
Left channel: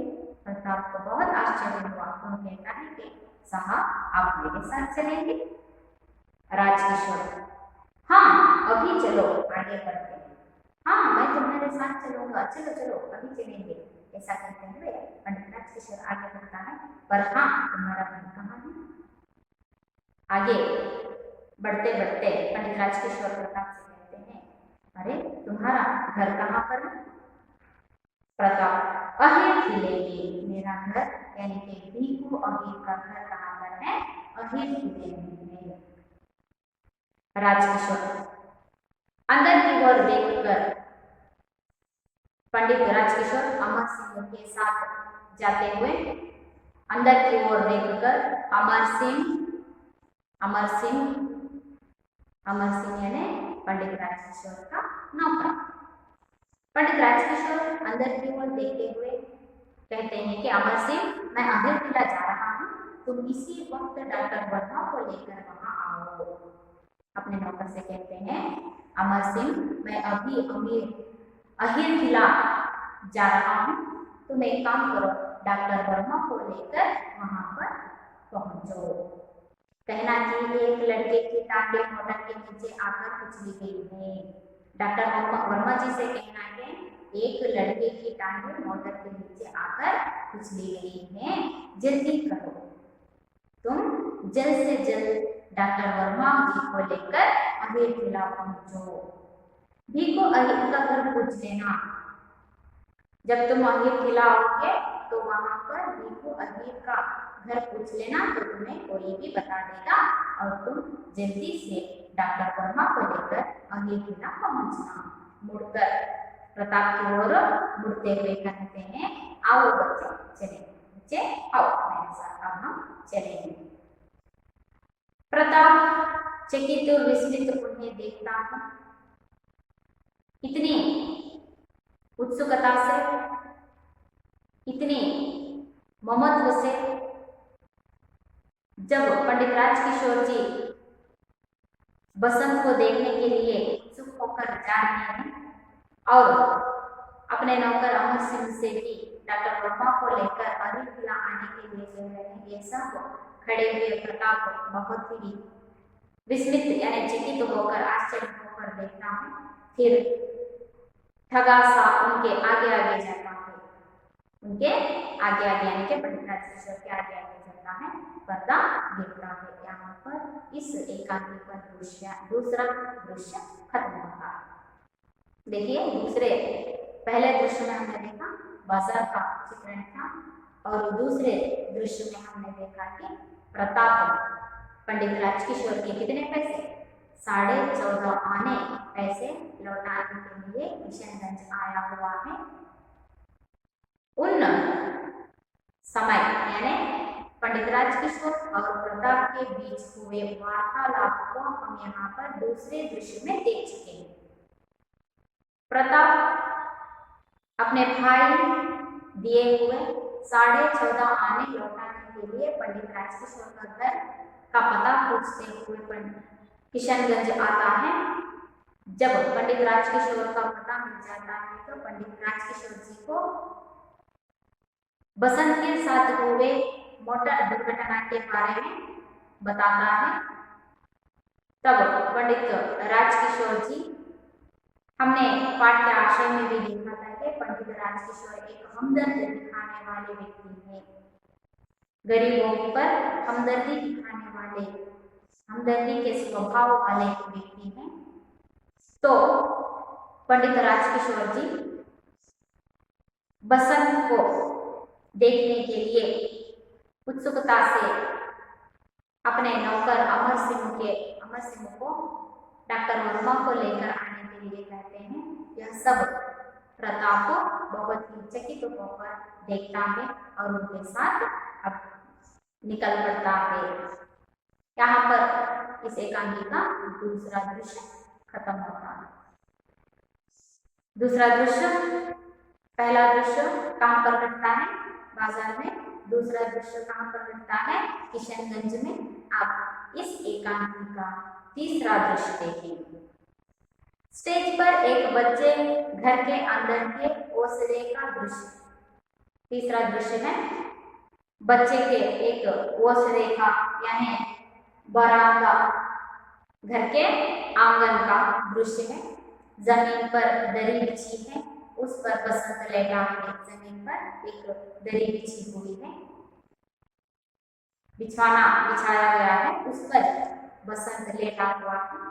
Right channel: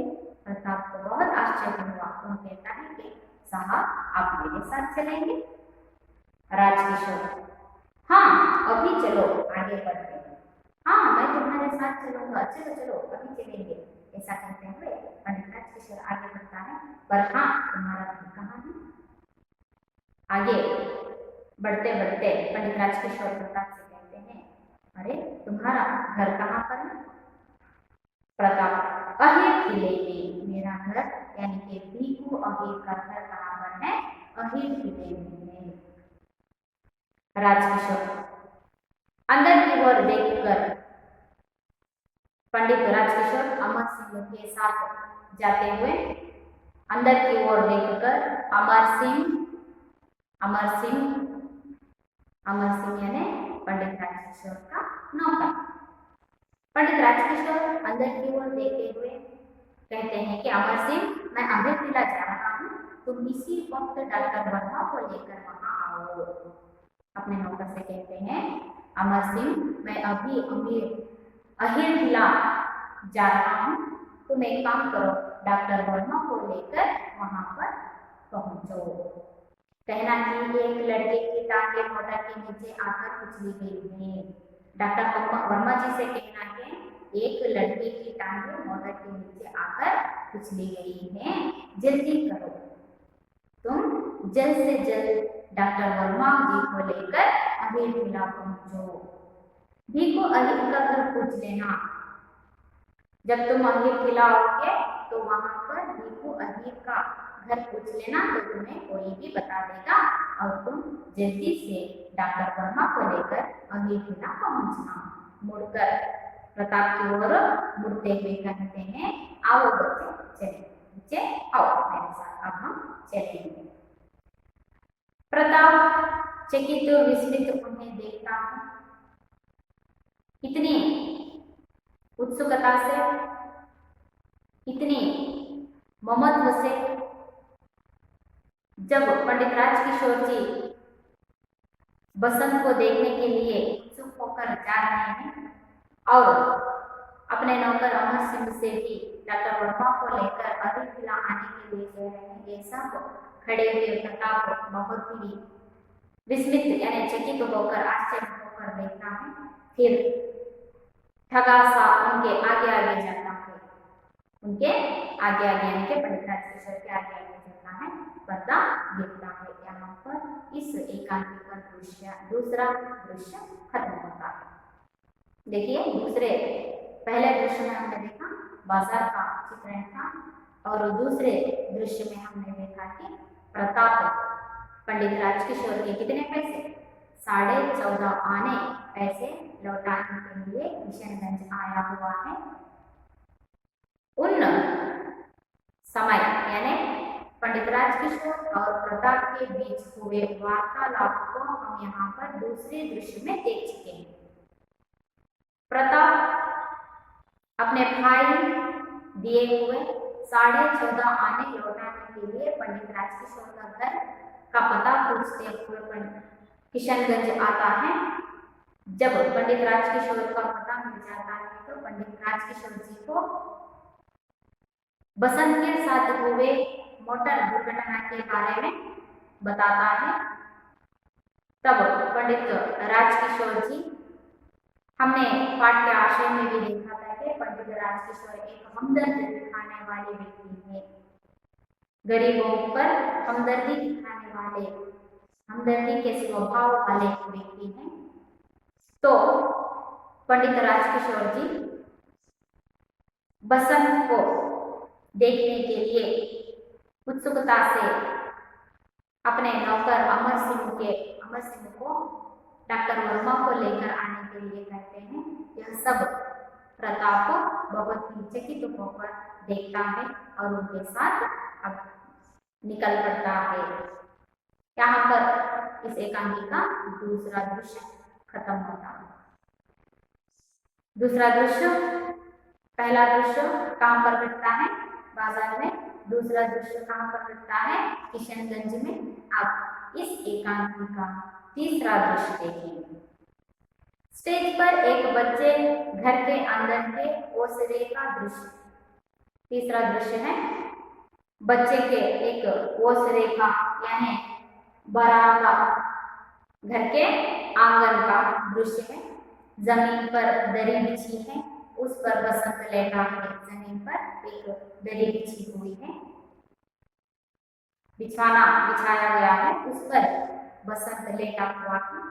प्रताप को बहुत आश्चर्य हुआ। वह कहता है कि साहब आप मेरे साथ चलेंगे? राजकिशोर, हाँ अभी चलो आगे बढ़ते हैं। हाँ मैं तुम्हारे साथ चलूंगा, चलो चलो अभी चलेंगे। ऐसा कहते हुए पंडित राजकिशोर आगे बढ़ता है। पर हाँ तुम्हारा घर कहाँ है? आगे बढ़ते बढ़ते पंडित राजकिशोर प्रताप से कहते हैं, अरे तुम्हारा घर कहाँ पर है? प्रताप, अहिर किले में मेरा घर, यानी कि भीखू अहिर का घर कहाँ पर है? अहिर किले में है। राजकिशोर, अंदर की ओर देखकर पंडित राजकिशोर अमर सिंह के साथ जाते हुए अंदर की ओर देखकर अमर सिंह यानी पंडित राजकिशोर का नौकर। पंडित राजकिशोर अंदर की ओर देखते हुए कहते हैं कि अमर सिंह, मैं अहिर किला जा रहा हूँ, तुम इसी वक्त डॉक्टर वर्मा को लेकर वहां आओ। अपने नौकर से कहते हैं, अमर सिंह मैं अभी अहिर किला जा रहा हूँ, तुम एक काम करो, डॉक्टर वर्मा को लेकर वहां पर पहुंचो। कहना कि एक लड़के की टांगे मोटर के नीचे आकर कुचली गई है। डॉक्टर वर्मा जी से कहना कि एक लड़के की टांगे मोटर के नीचे आकर कुचली गई है, जल्दी करो, तुम जल्द से जल्द डॉक्टर वर्मा जी को लेकर अहिर किला पहुंचो। भीखू अहिर का घर पूछ लेना। जब तुम अहिर किला आओगे तो वहां पर भीखू अहिर का घर पूछ लेना, तो तुम्हें कोई भी बता देगा और तुम जल्दी से डॉक्टर वर्मा को लेकर अहिर किला पहुंचना। मुड़कर प्रताप की ओर मुड़ते हुए कहते हैं, आओ बच्चे चले, बच्चे आओ मेरे साथ, अब हम चलेंगे। प्रताप चकित और विस्मित उन्हें देखता है। इतनी उत्सुकता से, इतनी ममत्व से जब पंडित राजकिशोर जी बसंत को देखने के लिए उत्सुक होकर जा रहे हैं और अपने नौकर अमर सिंह से भी डॉक्टर वर्मा को लेकर अहिर किला आने के लिए कह रहे हैं, ये सब खड़े हुए प्रताप बहुत ही विस्मित यानी चकित होकर, आश्चर्य होकर देखता है। फिर ठगा सा उनके आगे आगे जाता है, उनके आगे आगे यानी कि पंडित राजकिशोर के आगे आगे जाता है। पर्दा गिरता है। यहाँ पर इस एकांकी का दूसरा दृश्य खत्म होता है। देखिए, पहले दृश्य में हमने देखा बाजार का चित्रण था और दूसरे दृश्य में हमने देखा कि प्रताप पंडित राजकिशोर के कितने पैसे, 14.5 आने पैसे लौटाने के लिए किशनगंज आया हुआ है। उन समय यानी पंडित राजकिशोर और प्रताप के बीच हुए वार्तालाप को हम यहाँ पर दूसरे दृश्य में देख चुके हैं। प्रताप अपने भाई दिए हुए 14.5 आने लौटाने के लिए पंडित राजकिशोर का घर का पता पूछते हुए किशनगंज आता है। जब पंडित राजकिशोर का पता मिल जाता है तो पंडित राजकिशोर जी को बसंत के साथ हुए मोटर दुर्घटना के बारे में बताता है। तब पंडित राजकिशोर जी, हमने पाठ के आशय में भी देखा था कि पंडित राजकिशोर एक हमदर्द दिखाने वाले व्यक्ति है, गरीबों पर हमदर्दी दिखाने वाले, हमदर्दी के स्वभाव वाले व्यक्ति हैं। तो पंडित राजकिशोर जी बसंत को देखने के लिए उत्सुकता से अपने नौकर अमर सिंह को डॉक्टर वर्मा को लेकर आने के लिए कहते हैं। यह सब प्रताप बहुत ही चकित होकर देखता है और उनके साथ अब निकल पड़ता है। यहाँ पर इस एकांकी का दूसरा दृश्य खत्म होता है। दूसरा दृश्य, पहला दृश्य कहाँ पर घटता है? बाजार में। दूसरा दृश्य कहाँ पर घटता है? किशनगंज में। अब इस एकांकी का तीसरा दृश्य देखेंगे। स्टेज पर एक बच्चे घर के अंदर के ओसरे का दृश्य। तीसरा दृश्य है बच्चे के एक ओसरे का यानी बरामदा, घर के आंगन का दृश्य है। जमीन पर दरी बिछी है, उस पर बसंत लेटा है। जमीन पर एक दरी बिछी हुई है, बिछाना बिछाया गया है, उस पर बसंत लेटा हुआ है।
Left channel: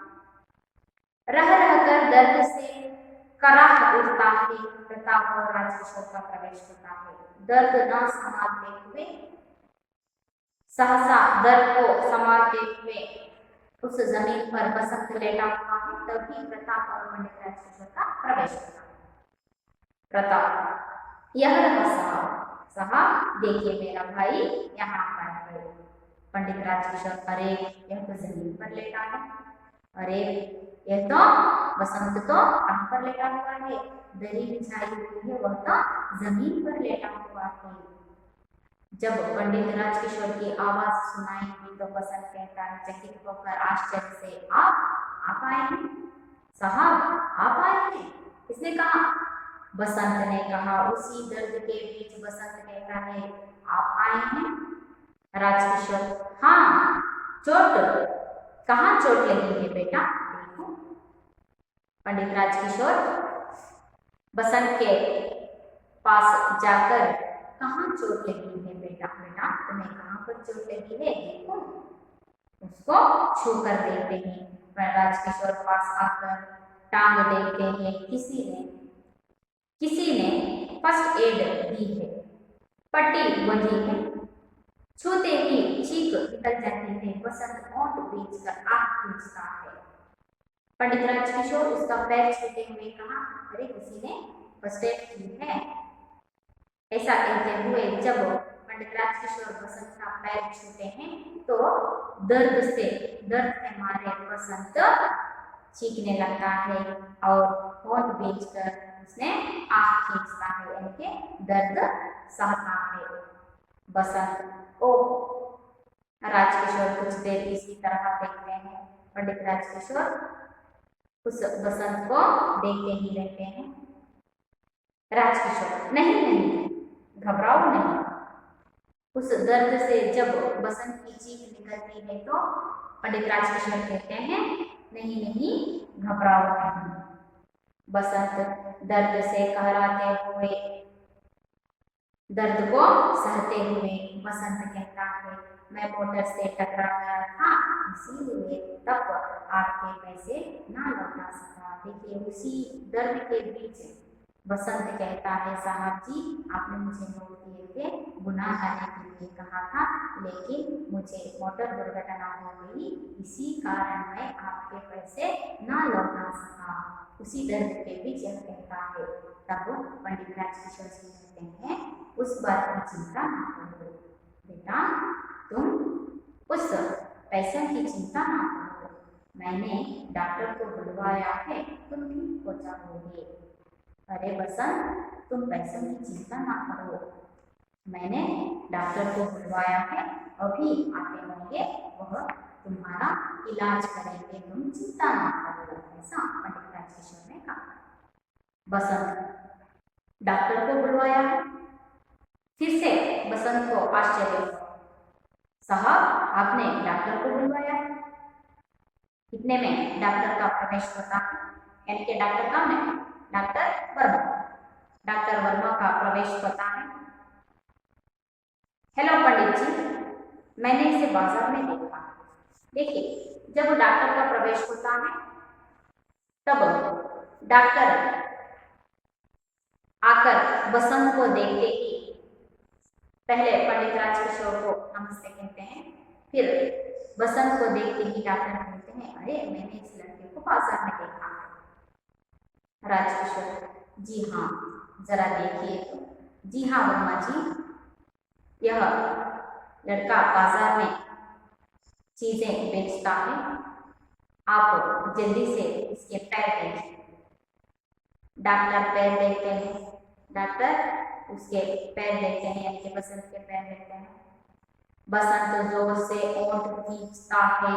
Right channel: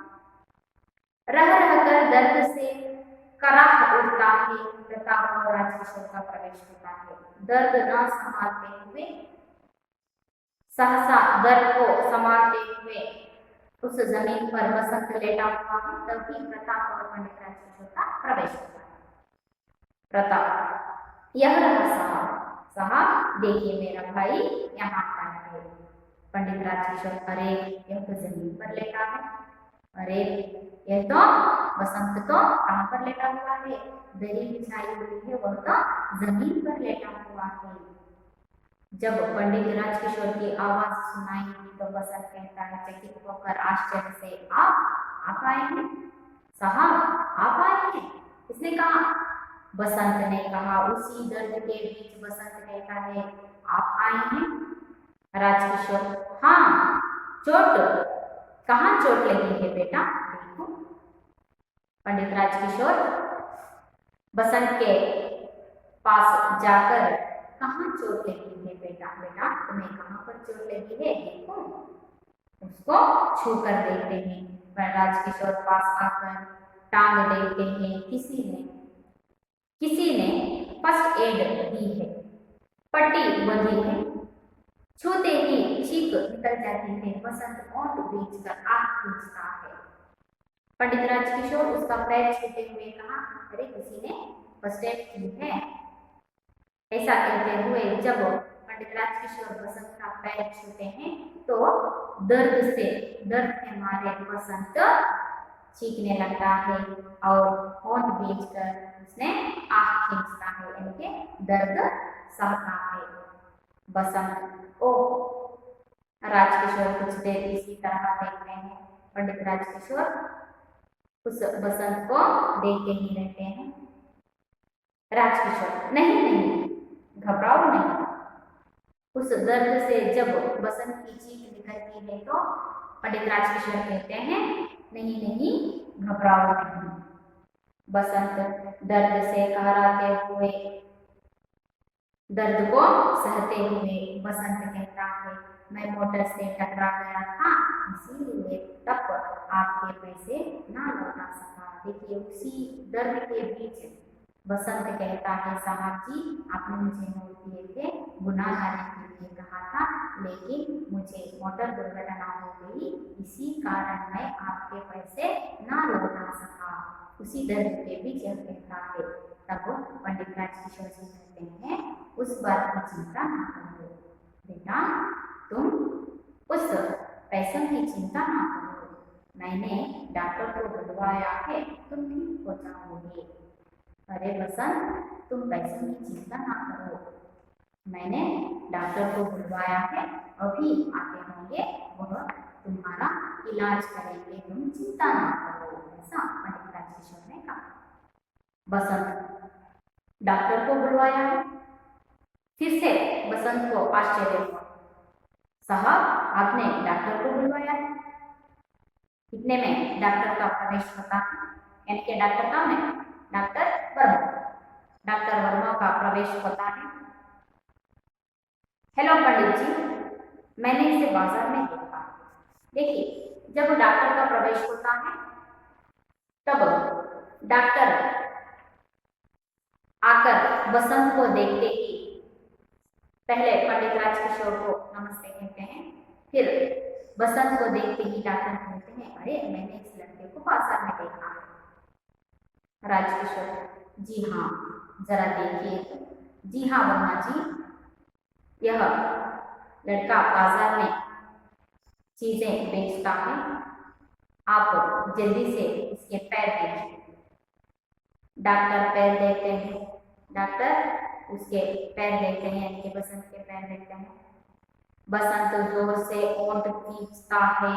रह रहकर दर्द से कराह उठता है, प्रताप और राजकिशोर का प्रवेश होता है। दर्द न संभालते हुए, सहसा दर्द को संभालते हुए उस जमीन पर बसंत लेटा हुआ है। तभी प्रताप और पंडित राजकिशोर का प्रवेश होता है। प्रताप, यह रहा साहब। साहब देखिए मेरा भाई यहाँ पर है। पंडित राजकिशोर, अरे यह तो जमीन पर लेटा है। अरे यह तो बसंत तो कहाँ पर लेटा हुआ है? दरी बिछाई हुई है, वह तो जमीन पर लेटा हुआ है। जब पंडित राजकिशोर की आवाज सुनाई दी तो बसंत कहता है चकित होकर आश्चर्य से, आप आए हैं साहब, आप आए हैं? किसने कहा? बसंत ने कहा। उसी दर्द के बीच बसंत कहता है, आप आए हैं? राजकिशोर, हाँ। चोट? कहाँ चोट लगी है बेटा? देखो। पंडित राजकिशोर बसंत के पास जाकर, कहाँ चोट लगी है बेटा? बेटा तुम्हें कहाँ पर चोट लगी है? देखो। उसको छू कर देखते हैं। पर राजकिशोर पास आकर टांग देखते हैं। किसी ने फर्स्ट एड दी है, पट्टी बंधी है। छूते ही चीख निकल जाती है। बसंत ओंठ बीच कर आह खींचता है। पंडित राजकिशोर उसका पैर छूते हुए कहा, अरे किसी ने फर्स्ट एड की है। ऐसा कहते हुए जब पंडित राजकिशोर बसंत का पैर छूते हैं तो दर्द के मारे बसंत चीखने लगता है और होंठ बेचकर उसने आह खींचता है, यानी कि दर्द सहता है। बसंत, ओ राजकिशोर कुछ देर इसी तरह देखते हैं। पंडित राजकिशोर उस बसंत को देखते ही रहते हैं। राजकिशोर, नहीं, घबराओ नहीं। उस दर्द से जब बसंत की चीख निकलती है तो पंडित राजकिशोर कहते हैं, नहीं, घबराओ नहीं। बसंत दर्द से कहराते हुए, दर्द को सहते हुए बसंत कहता है, मैं मोटर से टकरा गया था, इसीलिए तब आपके पैसे ना लौटा सका। देखिए उसी दर्द के बीच बसंत कहता है, साहब जी आपने मुझे नोट दिए थे, गुनाह लाने के लिए कहा था, लेकिन मुझे मोटर दुर्घटना हो गई, इसी कारण मैं आपके पैसे ना लौटा सका। उसी दर्द के बीच यह कहता है। तब पंडित राजकिशोर जी कहते हैं, उस बात की चिंता ना करो बेटा, तुम उस पैसों की चिंता ना करो, मैंने डॉक्टर को बुलवाया है, तुम ठीक हो जाओगे। अरे बसंत तुम पैसों की चिंता ना करो, मैंने डॉक्टर को बुलवाया है, अभी आते होंगे, वह तुम्हारा इलाज करेंगे, तुम चिंता ना करो। ऐसा पंडित राजकिशोर ने कहा। बसंत डॉक्टर को बुलवाया है। फिर से बसंत को आश्चर्य हुआ, साहब आपने डॉक्टर को बुलवाया है? इतने में डॉक्टर का प्रवेश होता है, यानी कि डॉक्टर कौन है? डॉक्टर वर्मा। डॉक्टर वर्मा का प्रवेश होता है। हेलो पंडित जी, मैंने इसे बाजार में देखा। देखिए जब डॉक्टर का प्रवेश होता है तब डॉक्टर आकर बसंत को देखते ही पहले पंडित राजकिशोर को नमस्ते कहते हैं, फिर बसंत को देखते ही डॉक्टर कहते हैं, अरे मैंने इस लड़के को बाजार में देखा है। राजकिशोर, जी हाँ, जरा देखिए तो। जी हाँ वर्मा जी, यह लड़का बाजार में चीजें बेचता है, आप जल्दी से इसके पैर देखिए। डॉक्टर पैर देखते हैं, डॉक्टर उसके पैर देखते हैं, यानी कि बसंत के पैर देखते हैं। बसंत जोर से ओंठ खींचता है,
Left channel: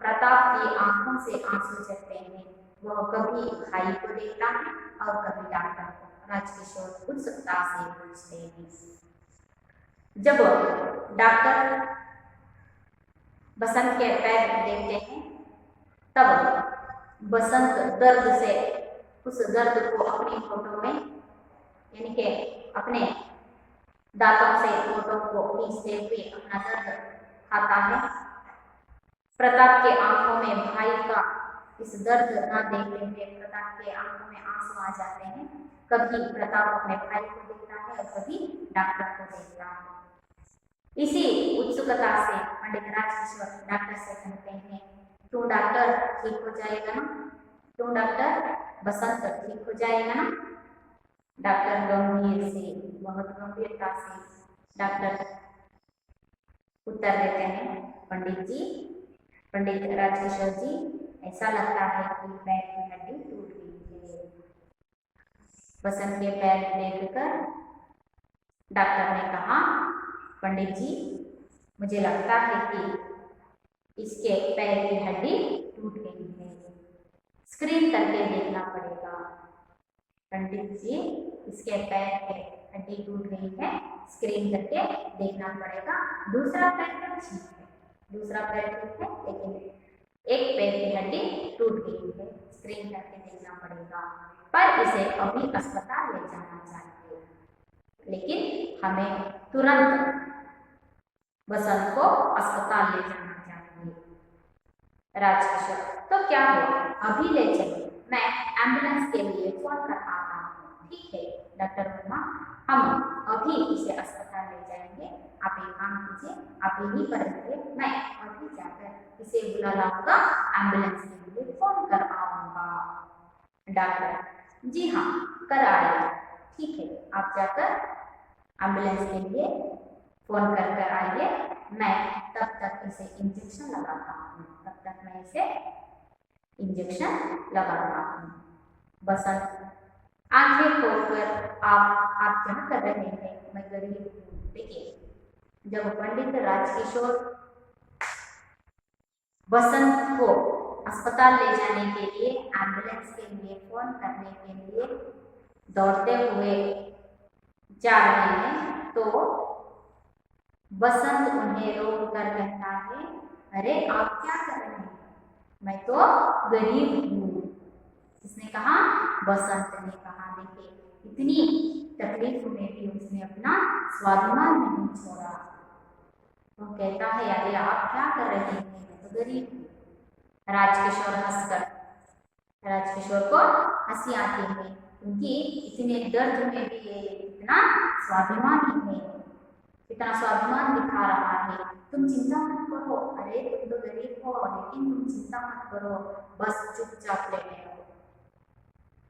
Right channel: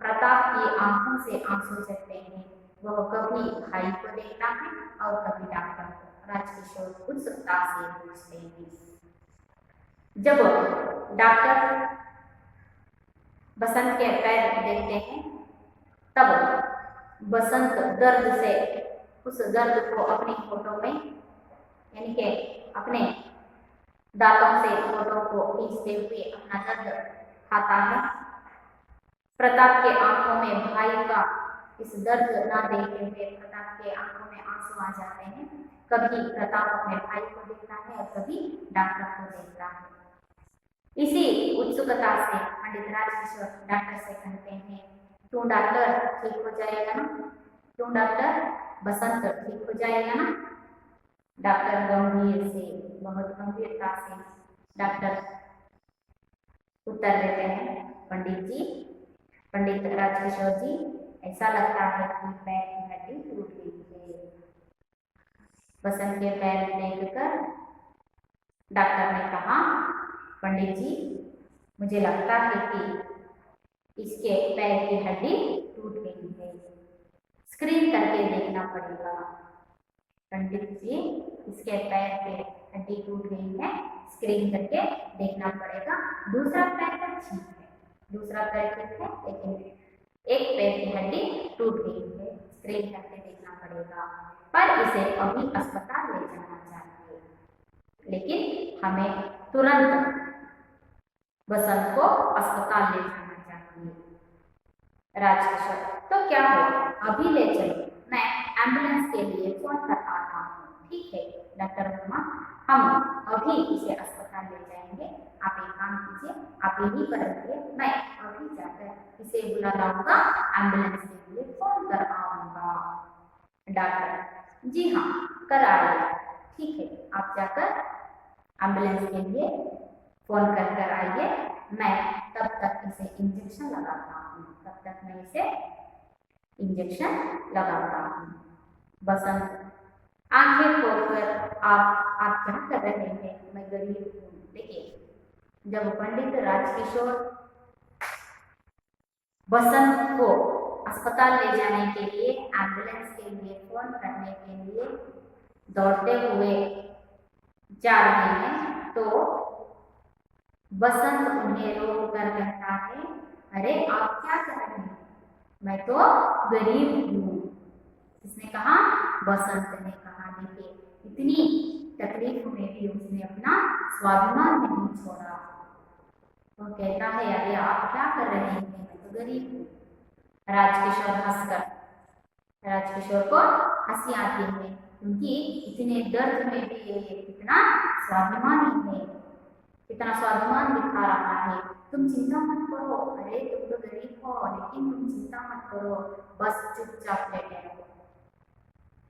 प्रताप की आंखों से आंसू झरते हैं। वह कभी भाई को देखता है और कभी डॉक्टर को। राजकिशोर उत्सुकता से पूछते हैं। जब डॉक्टर बसंत के पैर देखते हैं तब बसंत दर्द से उस दर्द को अपनी फोटो में यानी कि अपने दांतों से फोटो को खींचते हुए अपना दर्द खाता है। प्रताप के आंखों में भाई का इस दर्द ना देखते हुए प्रताप के आंखों में आंसू आ जाते हैं। कभी प्रताप अपने भाई को देखता है और कभी डॉक्टर को देखता है। इसी उत्सुकता से पंडित राजकिशोर डॉक्टर से कहते हैं, क्यों डॉक्टर ठीक हो जाएगा ना? क्यों डॉक्टर बसंत ठीक हो जाएगा ना? डॉक्टर गंभीर से, बहुत गंभीरता से डॉक्टर उत्तर देते हैं, पंडित राजकिशोर जी, ऐसा लगता है कि पैर की हड्डी टूट गई है। बसंत के पैर देखकर डॉक्टर ने कहा, पंडित जी, मुझे लगता है कि इसके पैर की हड्डी टूट गई है, स्क्रीन करके देखना पड़ेगा। पंडित जी, इसके पैर की हड्डी टूट गई है, स्क्रीन करके देखना पड़ेगा। दूसरा पैर तो ठीक है, दूसरा पैर ठीक है, लेकिन एक पैर की हड्डी टूट गई है, स्क्रीन करके देखना पड़ेगा। पर इसे अभी अस्पताल ले जाना चाहिए, लेकिन हमें तुरंत बसंत को अस्पताल ले जाना चाहिए। राजकिशोर, तो क्या हो, अभी ले चलो, मैं एम्बुलेंस के लिए फोन कर आता हूँ। ठीक है डॉक्टर वर्मा, हम अभी इसे अस्पताल ले जाएंगे। आप एक काम कीजिए, आप यहीं पर रहिए, मैं अभी जाकर इसे बुला लाऊंगा, एम्बुलेंस के लिए फोन कर आऊंगा। डॉक्टर, जी हाँ, कर आइए। ठीक है, आप जाकर एम्बुलेंस के लिए फोन कर आइए, मैं तब तक इसे इंजेक्शन लगाता हूँ, तब तक मैं इसे इंजेक्शन लगाता हूँ। बसंत, आंखें खोलकर आप क्या कर रहे हैं? मैं गरीब हूँ। देखिए, जब पंडित राजकिशोर बसंत को अस्पताल ले जाने के लिए, एम्बुलेंस के लिए फोन करने के लिए दौड़ते हुए जा रहे हैं, तो बसंत उन्हें रोक कर कहता है, अरे आप क्या कर रहे हैं? मैं तो गरीब हूँ। किसने कहा? बसंत ने कहा। देखिए, इतनी तकलीफ में भी उसने अपना स्वाभिमान नहीं छोड़ा। वो कहता है, अरे आप क्या कर रहे हैं? मैं तो गरीब हूँ। राजकिशोर हंसकर, राजकिशोर को हंसी आती है, क्योंकि इतने दर्द में भी ये इतना स्वाभिमानी है, इतना स्वाभिमान दिखा रहा है। तुम चिंता मत करो, अरे तुम तो गरीब हो, लेकिन तुम चिंता मत करो, बस चुपचाप लेटे रहो।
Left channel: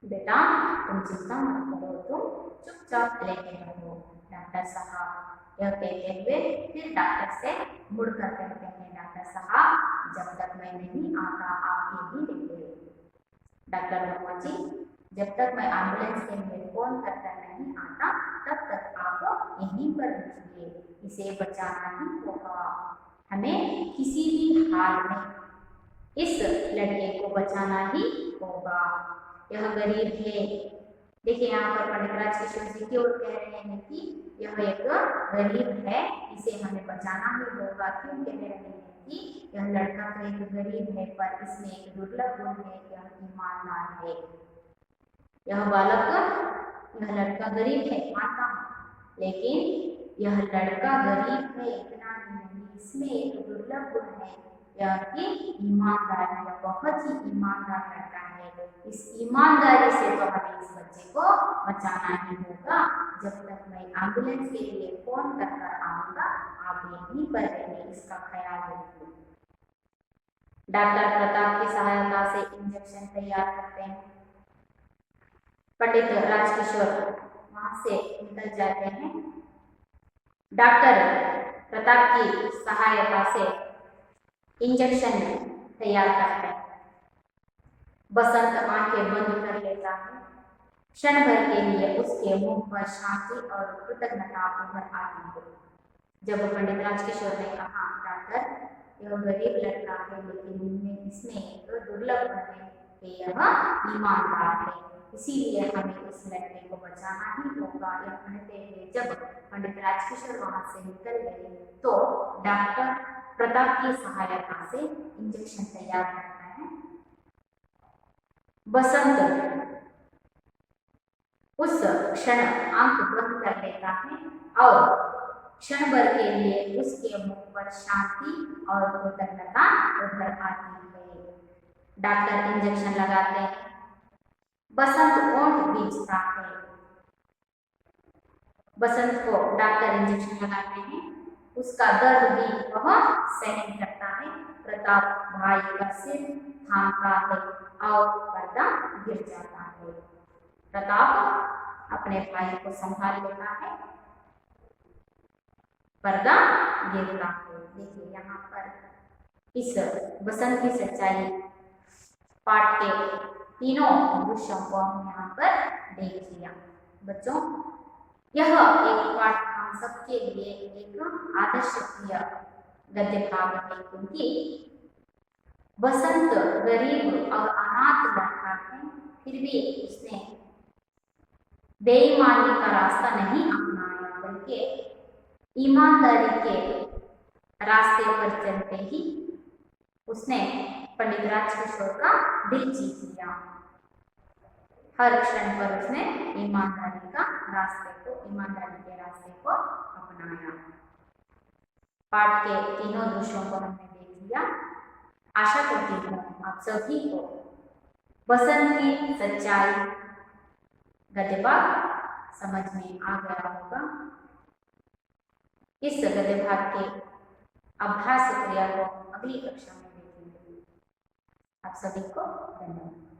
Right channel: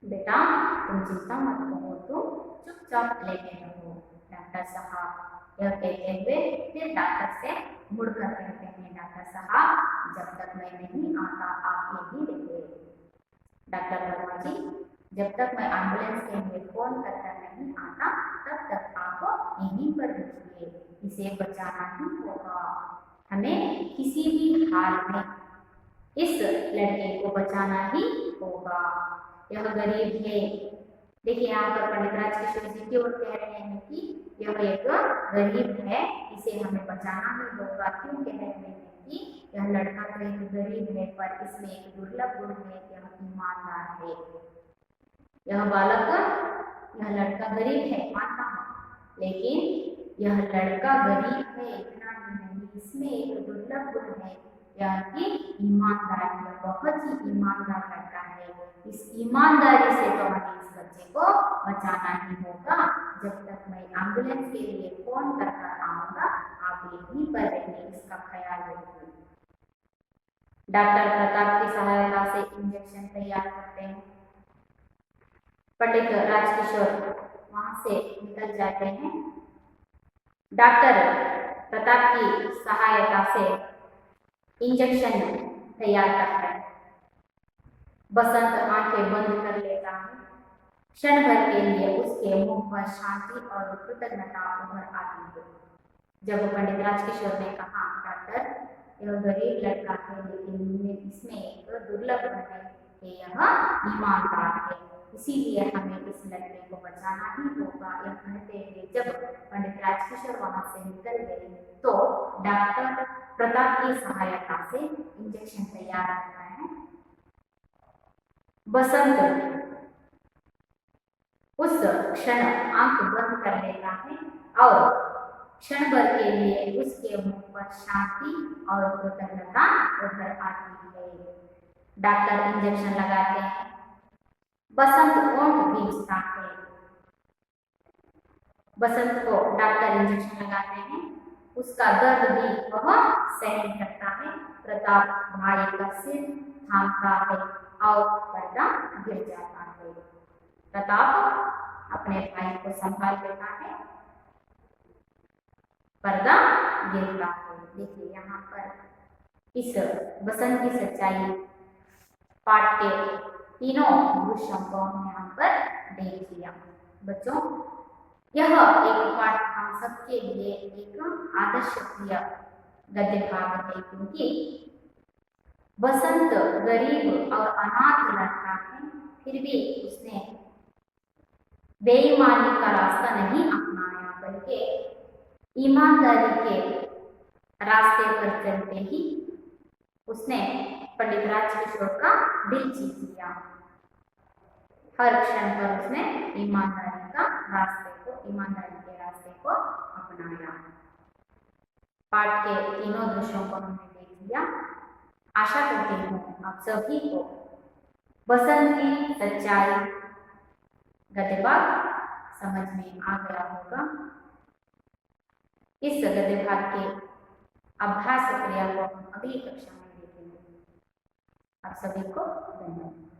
बेटा, तुम चिंता मत करो, तुम चुपचाप लेटे रहो। डॉक्टर साहब, यह कहते हुए फिर डॉक्टर से मुड़कर कहते हैं, डॉक्टर साहब, जब तक मैं नहीं आता आप यहीं रहिए। डॉक्टर वर्मा जी, जब तक मैं एम्बुलेंस के लिए फोन कर नहीं आता तब तक आप यहीं पर रहिए, इसे बचाना ही होगा। हमें किसी भी हाल में इस लड़के को बचाना ही होगा। यह गरीब है। देखिए, यहाँ पर पंडित राजकिशोर जी की ओर कह रहे हैं कि यह एक गरीब है, इसे हमें बचाना ही होगा। क्यों कह रहे हैं कि यह लड़का तो एक गरीब है, पर इसमें एक दुर्लभ गुण है, यह ईमानदार है। यह बालक, यह लड़का गरीब है, मानता हूँ, लेकिन यह लड़का गरीब है इतना ही नहीं, इसमें एक दुर्लभ गुण है, यह कि ईमानदारी। यह बहुत ही ईमानदार लड़का है। इस ईमानदारी से तो हमें इस बच्चे को बचाना ही होगा। जब तक मैं एम्बुलेंस के लिए फोन कर आऊंगा, आप यहीं पर रहिए, इसका ख्याल रखिए। डॉक्टर प्रताप की सहायता से इंजेक्शन तैयार करते हैं। पंडित राजकिशोर वहां से निकल जाते हैं। डॉक्टर प्रताप की सहायता से इंजेक्शन तैयार करते हैं। बसंत आंखें बंद कर लेता है। क्षण भर के लिए उसके मुंह पर शांति और कृतज्ञता उभर आती है। जब पंडित राजकिशोर ने कहा, डॉक्टर, यह गरीब लड़का है, लेकिन इसमें एक दुर्लभ गुण है, कि यह ईमानदार है, इसीलिए हमें इस लड़के को बचाना ही होगा। यह कहते हुए जब पंडित राजकिशोर वहां से निकल गए तो डॉक्टर प्रताप की सहायता से इंजेक्शन तैयार करता है। बसंत उस क्षण आंख बंद कर लेता है और क्षण भर के लिए उसके मुख पर शांति और कृतज्ञता उभर आती है। डॉक्टर इंजेक्शन लगाते हैं, बसंत ओंठ भींचता है। बसंत को डॉक्टर इंजेक्शन लगाते हैं, उसका दर्द भी वह सहन करता है। प्रताप भाई का सिर थामता है और पर्दा गिर जाता है। प्रताप अपने भाई को संभाल लेता है, पर्दा गिरता है। देखिए यहाँ पर इस बसंत की सच्चाई पाठ के तीनों दृश्यों को हम यहाँ पर देख लिया। बच्चों, यह एक पाठ हम सबके लिए एक आदर्शप्रिय गद्य भाग है, क्योंकि बसंत गरीब और अनाथ लड़का है, फिर भी उसने बेईमानी का रास्ता नहीं अपनाया, बल्कि ईमानदारी के रास्ते पर चलते ही उसने पंडित राजकिशोर का दिल जीत लिया। हर क्षण पर उसने ईमानदारी के रास्ते को अपनाया। पाठ के तीनों दृश्यों को हमने देख लिया। आशा करती हूँ आप सभी को बसंत की सच्चाई गद्य भाग समझ में आ गया होगा। इस गद्य भाग के अभ्यास क्रिया को अगली कक्षा में देखेंगे। आप सभी को धन्यवाद।